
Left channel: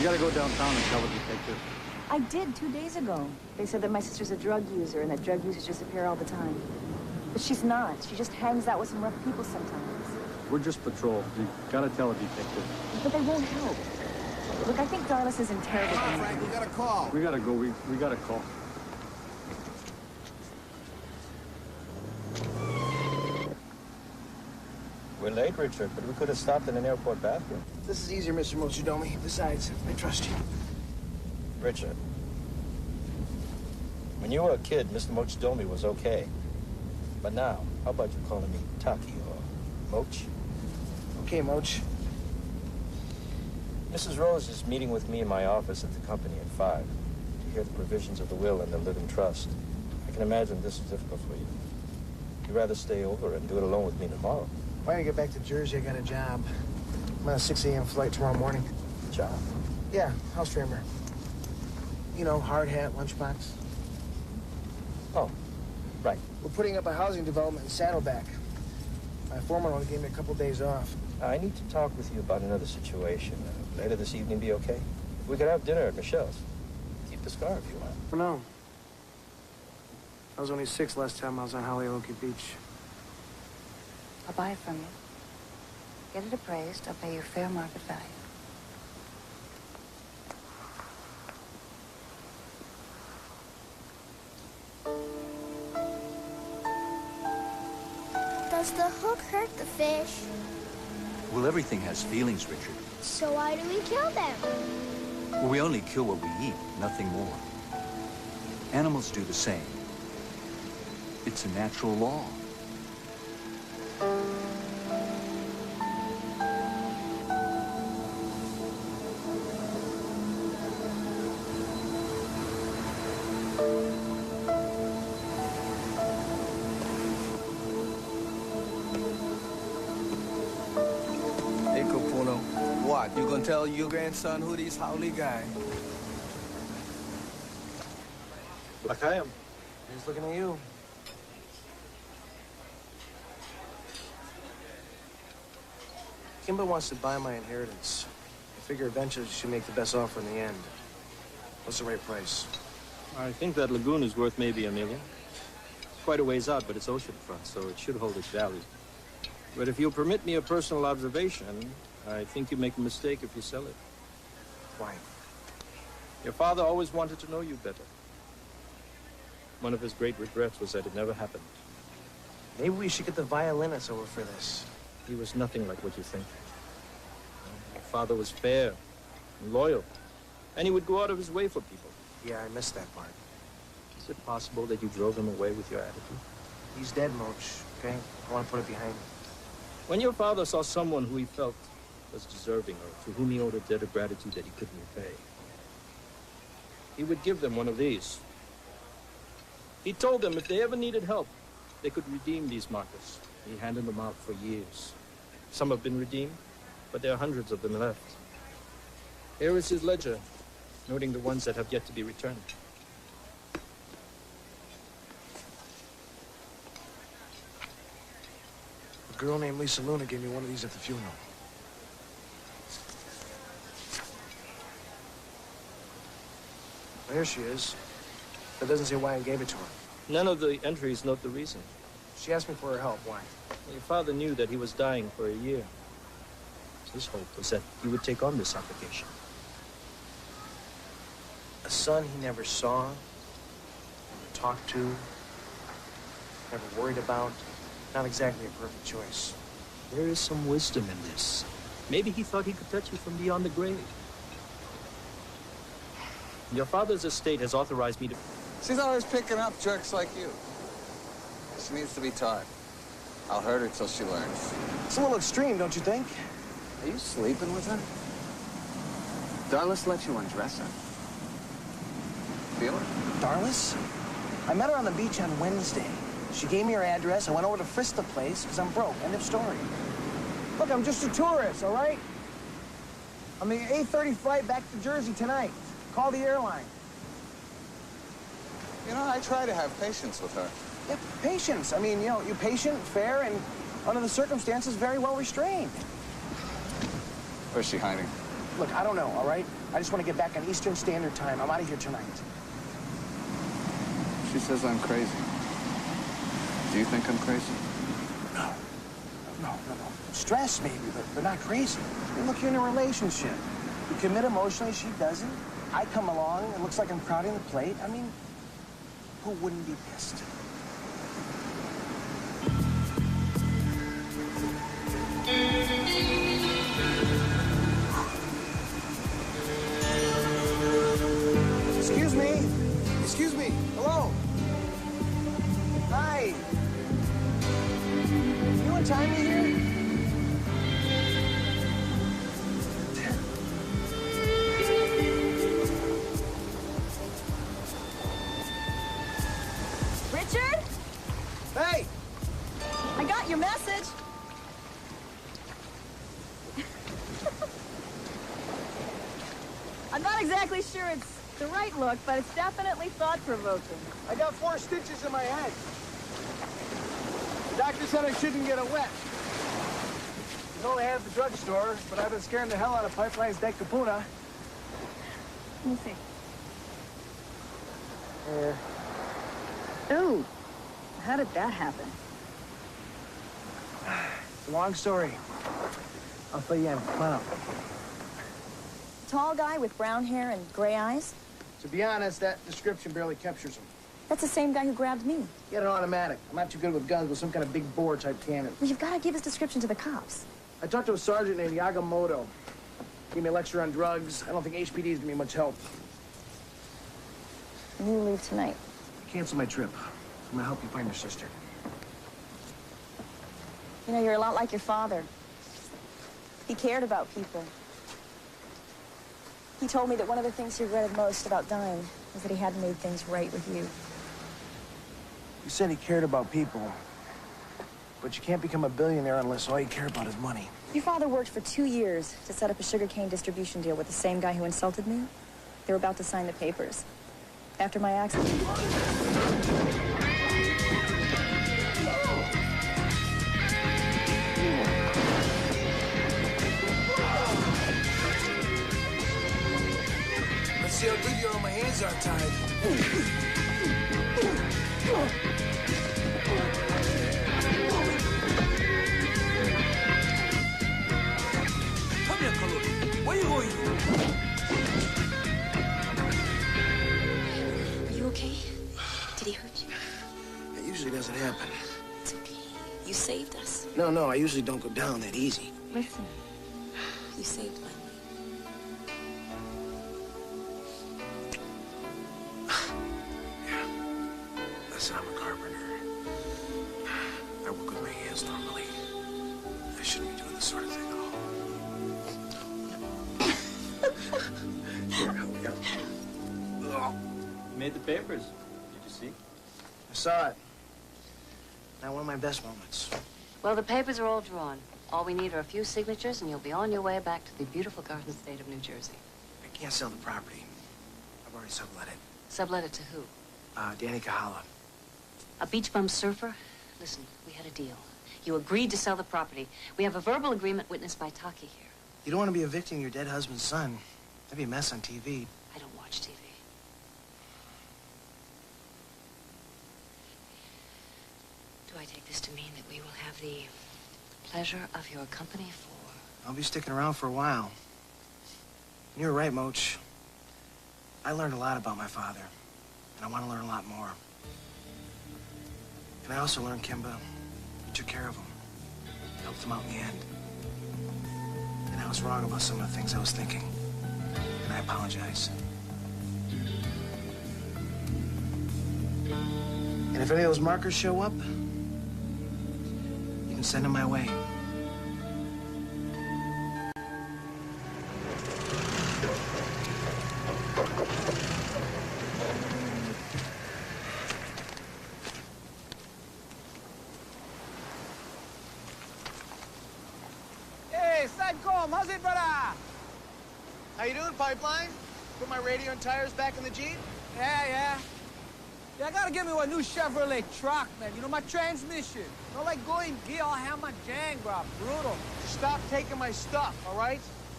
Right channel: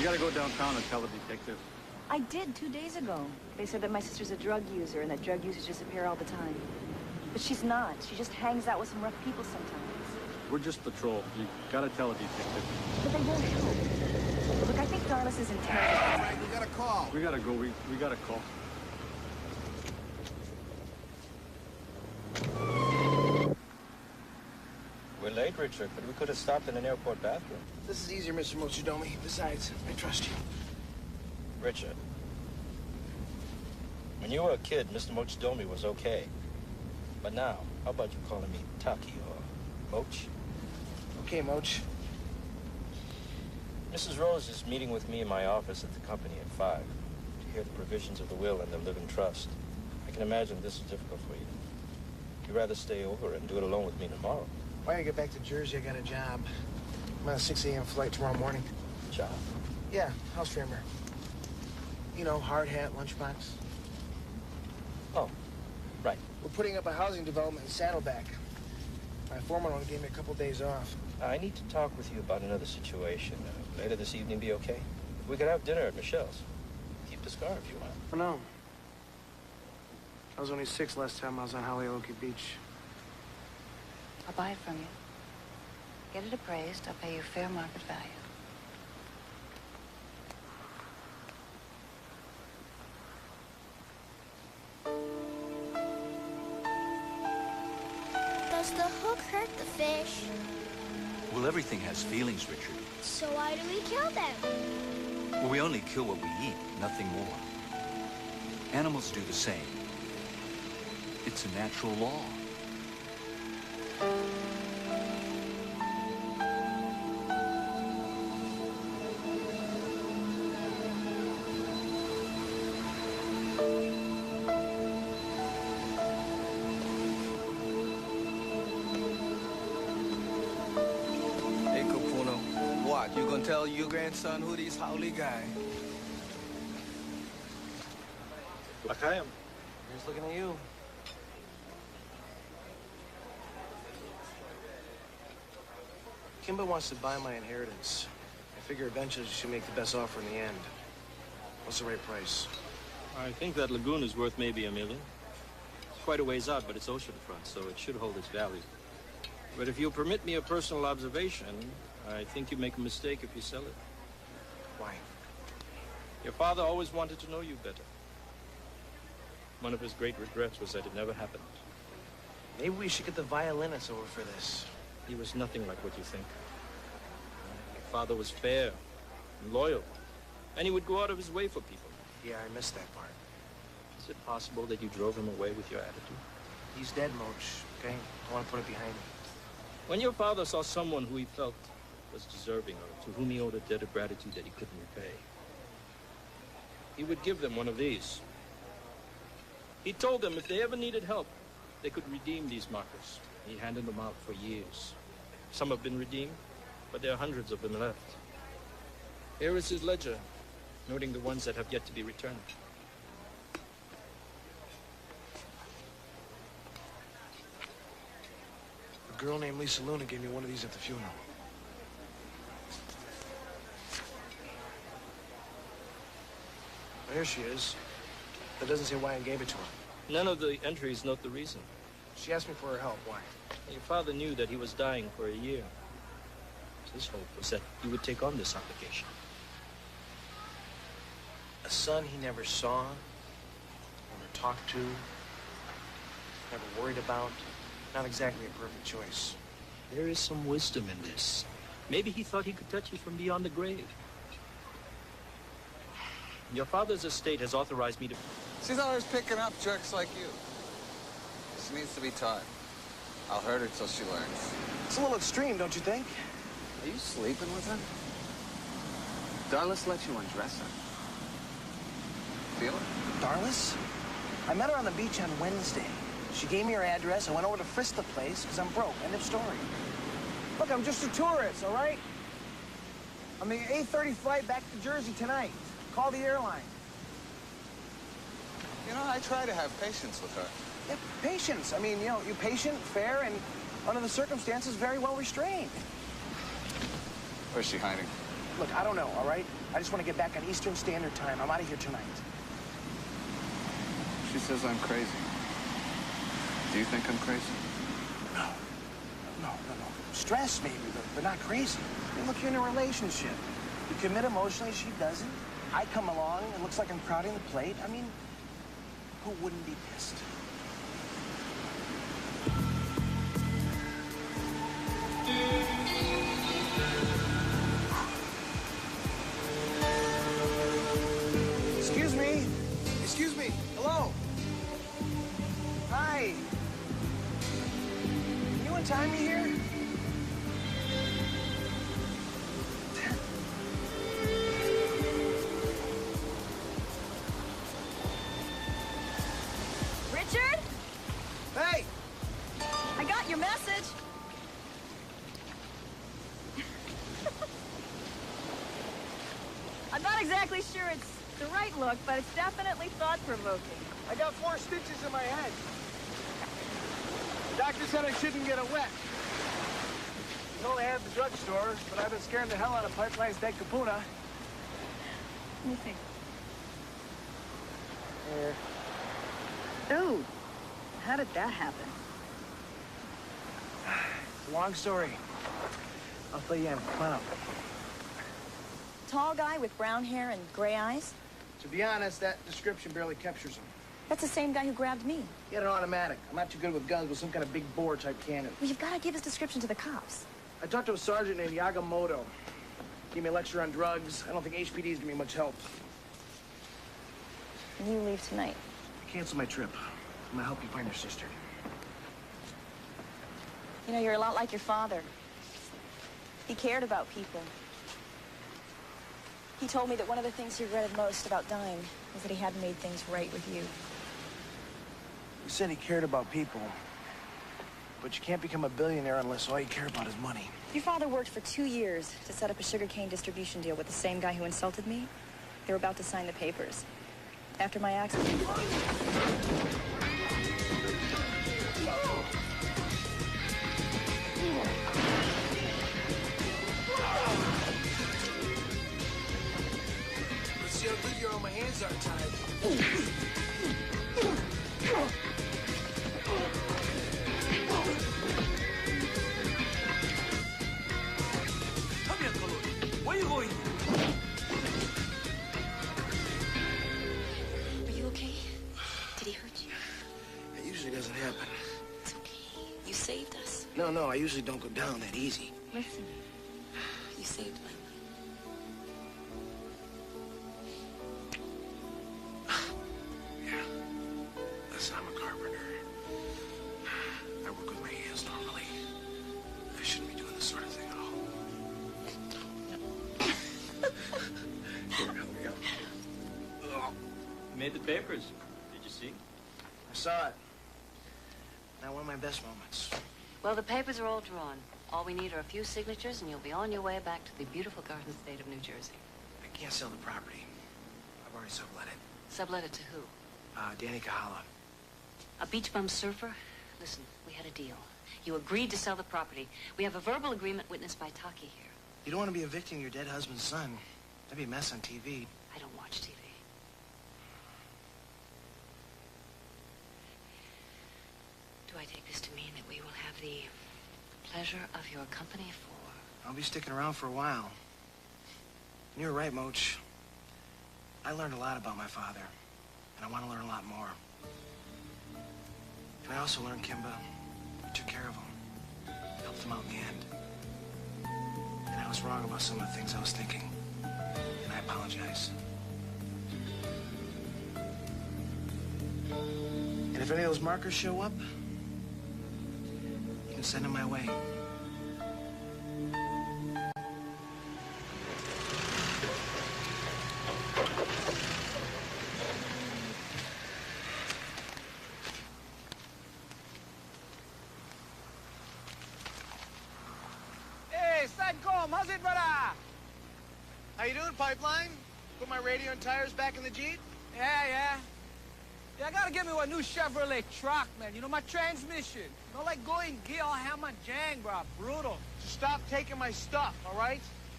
You gotta go downtown and tell the detective. I did 2 days ago. They said that my sister's a drug user and that drug users disappear all the time. But she's not. She just hangs out with some rough people sometimes. We're just patrol. You gotta tell a detective. But they won't help. Look, I think Darlis is in terrible Come on, condition. Frank, we got a call. We gotta go. We got a call. We're late, Richard, but we could have stopped in an airport bathroom. This is easier, Mr. Mochidomi. Besides, I trust you. Richard, when you were a kid, Mr. Mochidomi was okay. But now, how about you calling me Taki or Moch? Okay, Moch. Mrs. Rose is meeting with me in my office at the company at 5 to hear the provisions of the will and the living trust. I can imagine this is difficult for you. You'd rather stay over and do it alone with me tomorrow. Why don't you get back to Jersey? I got a job. I'm on a 6 a.m. flight tomorrow morning. Job? Yeah, house framer. You know, hard hat, lunchbox. Oh, right. We're putting up a housing development in Saddleback. My foreman only gave me a couple days off. I need to talk with you about another situation. Later this evening be okay? We could have dinner at Michelle's. Keep the scar if you want. Oh, no. I was only 6 last time I was on Holyoke Beach. I'll buy it from you. Get it appraised. I'll pay you fair market value. Does the hook hurt the fish? Well, everything has feelings, Richard. So why do we kill them? Well, we only kill what we eat, nothing more. Animals do the same. It's a natural law. Hey, Capuno. What, you gonna tell your grandson who these Howley guy? Like I am. He's looking at you. Kimba wants to buy my inheritance. I figure eventually she should make the best offer in the end. What's the right price? I think that lagoon is worth maybe $1 million. It's quite a ways out, but it's oceanfront, so it should hold its value. But if you'll permit me a personal observation, I think you make a mistake if you sell it. Why? Your father always wanted to know you better. One of his great regrets was that it never happened. Maybe we should get the violinists over for this. He was nothing like what you think. Your father was fair and loyal, and he would go out of his way for people. Yeah, I missed that part. Is it possible that you drove him away with your attitude? He's dead, Moch, okay? I want to put it behind me. When your father saw someone who he felt was deserving or to whom he owed a debt of gratitude that he couldn't repay, he would give them one of these. He told them if they ever needed help, they could redeem these markers. He handed them out for years. Some have been redeemed, but there are hundreds of them left. Here is his ledger, noting the ones that have yet to be returned. A girl named Lisa Luna gave me one of these at the funeral. Well, here she is. That doesn't say why I gave it to her. None of the entries note the reason. She asked me for her help. Why? Your father knew that he was dying for a year. His hope was that you would take on this obligation. A son he never saw, never talked to, never worried about. Not exactly a perfect choice. There is some wisdom in this. Maybe he thought he could touch you from beyond the grave. Your father's estate has authorized me to... She's always picking up jerks like you. She needs to be taught. I'll hurt her till she learns. It's a little extreme, don't you think? Are you sleeping with her? Darlis let you undress her. Feel it? Darlis? I met her on the beach on Wednesday. She gave me her address. I went over to frisk the place because I'm broke. End of story. Look, I'm just a tourist, all right? I'm the 8:30 flight back to Jersey tonight. Call the airline. You know, I try to have patience with her. Yeah, patience. I mean, you know, you're patient, fair, and under the circumstances, very well restrained. Where's she hiding? Look, I don't know, all right? I just want to get back on Eastern Standard Time. I'm out of here tonight. She says I'm crazy. Do you think I'm crazy? No. Stressed maybe, but not crazy. I mean, look, you're in a relationship. You commit emotionally, she doesn't. I come along, it looks like I'm crowding the plate. I mean, who wouldn't be pissed? Excuse me. Excuse me. Hello. Hi. Can you untie me here? Richard? Hey! I got your message. I'm not exactly sure it's the right look, but it's definitely thought-provoking. I got 4 stitches in my head. The doctor said I shouldn't get it wet. It's only had at the drugstore, but I've been scaring the hell out of Pipeline's Deck Kapuna. Let me see. Here. Ooh, how did that happen? It's a long story. I'll fill you in. Come on up. Tall guy with brown hair and gray eyes? To be honest, that description barely captures him. That's the same guy who grabbed me. He had an automatic. I'm not too good with guns, with some kind of big bore type cannon. Well, you've got to give his description to the cops. I talked to a sergeant named Yagamoto. Gave me a lecture on drugs. I don't think HPD is gonna be much help. And you leave tonight. Cancel my trip. I'm gonna help you find your sister. You know, you're a lot like your father. He cared about people. He told me that one of the things he regretted most about dying was that he hadn't made things right with you. You said he cared about people, but you can't become a billionaire unless all you care about is money. Your father worked for 2 years to set up a sugarcane distribution deal with the same guy who insulted me. They were about to sign the papers. After my accident... Let's see how good you are when my hands aren't tied. Come here, Kaluri. Where you going? Are you okay? Did he hurt you? That usually doesn't happen. It's okay. You saved us. No, I usually don't go down that easy. Listen. You saved my life. Listen, I'm a carpenter. I work with my hands normally. I shouldn't be doing this sort of thing at all. Here, help me out. You made the papers. Did you see? I saw it. Now, one of my best moments. Well, the papers are all drawn. All we need are a few signatures, and you'll be on your way back to the beautiful Garden State of New Jersey. I can't sell the property. I've already sublet it. Sublet it to who? Danny Kahala. A beach bum surfer? Listen, we had a deal. You agreed to sell the property. We have a verbal agreement witnessed by Taki here. You don't want to be evicting your dead husband's son. That'd be a mess on TV. I don't watch TV. Do I take this to mean that we will have the pleasure of your company for... I'll be sticking around for a while. And you're right, Moach. I learned a lot about my father, and I want to learn a lot more. And I also learned, Kimba, you took care of him, helped him out in the end. And I was wrong about some of the things I was thinking, and I apologize. And if any of those markers show up, you can send them my way. Hey, Sadcom, how's it, brother? How you doing, Pipeline? Put my radio and tires back in the Jeep? Yeah, I gotta get me a new Chevrolet truck, man. You know, my transmission. Not like going gear, I'll have my jang, bro. Brutal. Stop taking my stuff, all right?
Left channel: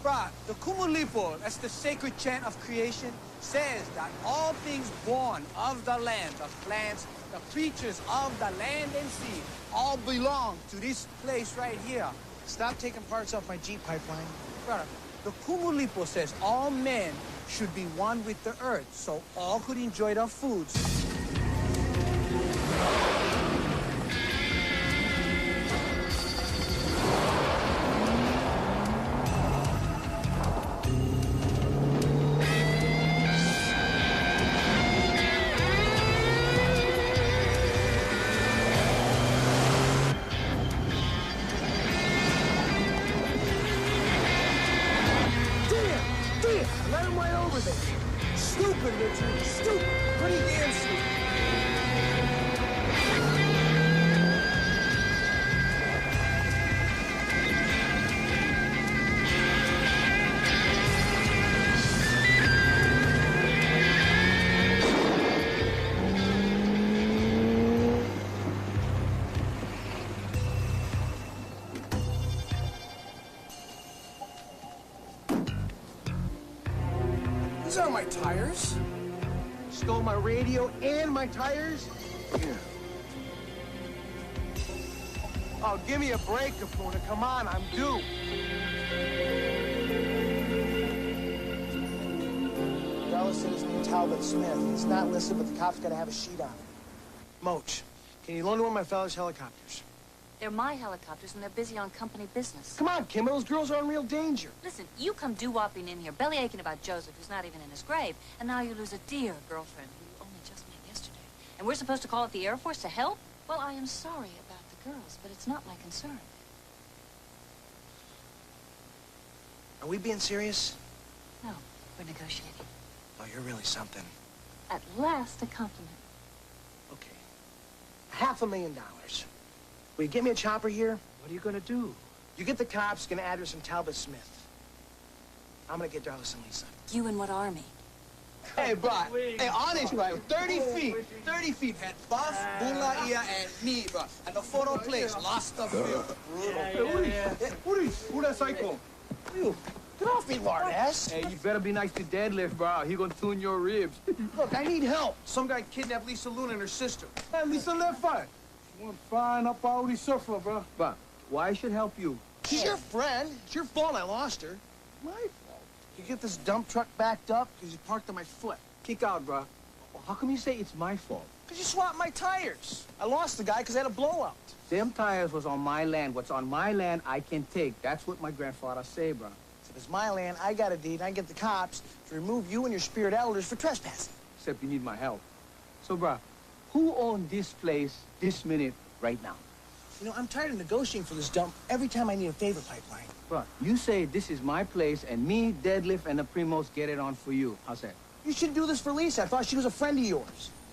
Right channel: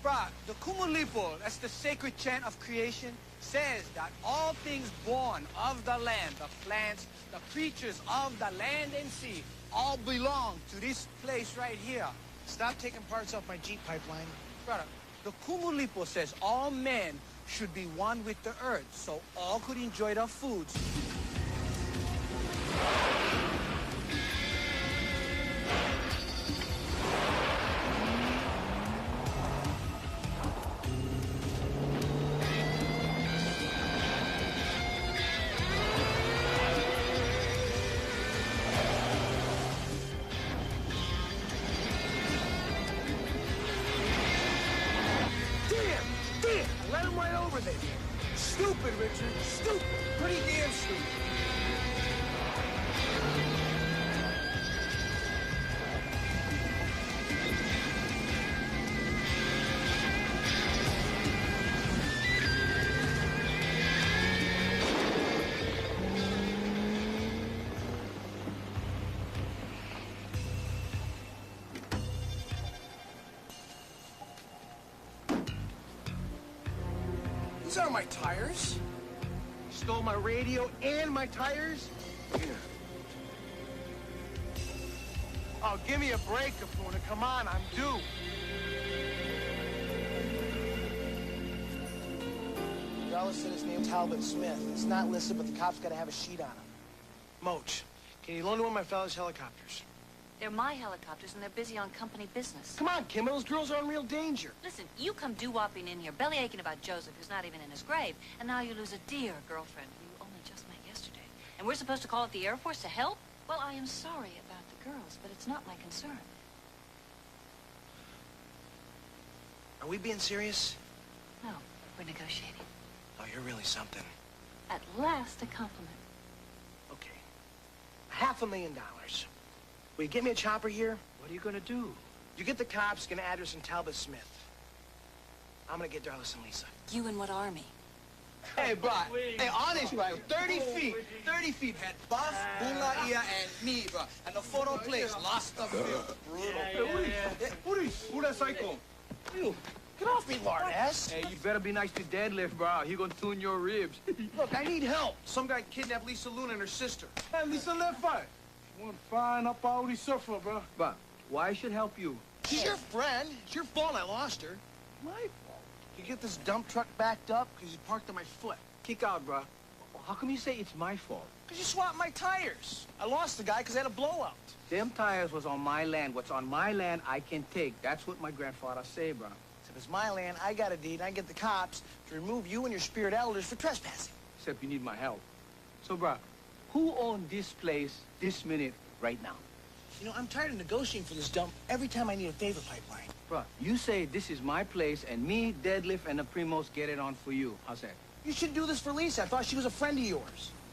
Bruh, the Kumulipo, that's the sacred chant of creation, says that all things born of the land, the plants, the creatures of the land and sea, all belong to this place right here. Stop taking parts off my Jeep pipeline. Brother, the Kumulipo says all men should be one with the earth, so all could enjoy the foods. Damn! I let him right over there. Stupid, Richard. Stupid. Pretty damn stupid. These aren't my tires. Stole my radio and my tires? Here. Oh, give me a break, Capuna. Come on, I'm due. Dallas said his name's Talbot Smith. He's not listed, but the cops gotta have a sheet on him. Moach, can you loan me one of my fellas' helicopters? They're my helicopters, and they're busy on company business. Come on, Kim, those girls are in real danger. Listen, you come doo-wopping in here, belly aching about Joseph, who's not even in his grave, and now you lose a dear girlfriend who you only just met yesterday. And we're supposed to call up the Air Force to help? Well, I am sorry about the girls, but it's not my concern. Are we being serious? No, we're negotiating. Oh, you're really something. At last, a compliment. Okay. $500,000. Will you get me a chopper here? What are you gonna do? You get the cops, get an address from Talbot Smith. I'm gonna get Darlis and Lisa. You in what army? Hey, bro. Hey, honest, bro. 30 feet. 30 feet. Had Buff, Bula, Ia, and me, bro. And the photo place, lost the field. Brutal. Who that psycho? You. Get off me, lard ass. Hey, you better be nice to Deadlift, bro. He gonna tune your ribs. Look, I need help. Some guy kidnapped Lisa Luna and her sister. Hey, Lisa left fine. One fine up parody surfer, bro. But why I should help you? She's your friend. It's your fault I lost her. My fault. You get this dump truck backed up because you parked on my foot. Kick out, bro. How come you say it's my fault? Because you swapped my tires. I lost the guy because I had a blowout. Them tires was on my land. What's on my land, I can take. That's what my grandfather say, bro. If it's my land, I got a deed, and I get the cops to remove you and your spirit elders for trespassing. Except you need my help. So, bro, who owns this place this minute right now? You know, I'm tired of negotiating for this dump every time I need a favor pipeline. Bro, you say this is my place, and me, Deadlift, and the Primos get it on for you. How's that? You should do this for Lisa. I thought she was a friend of yours.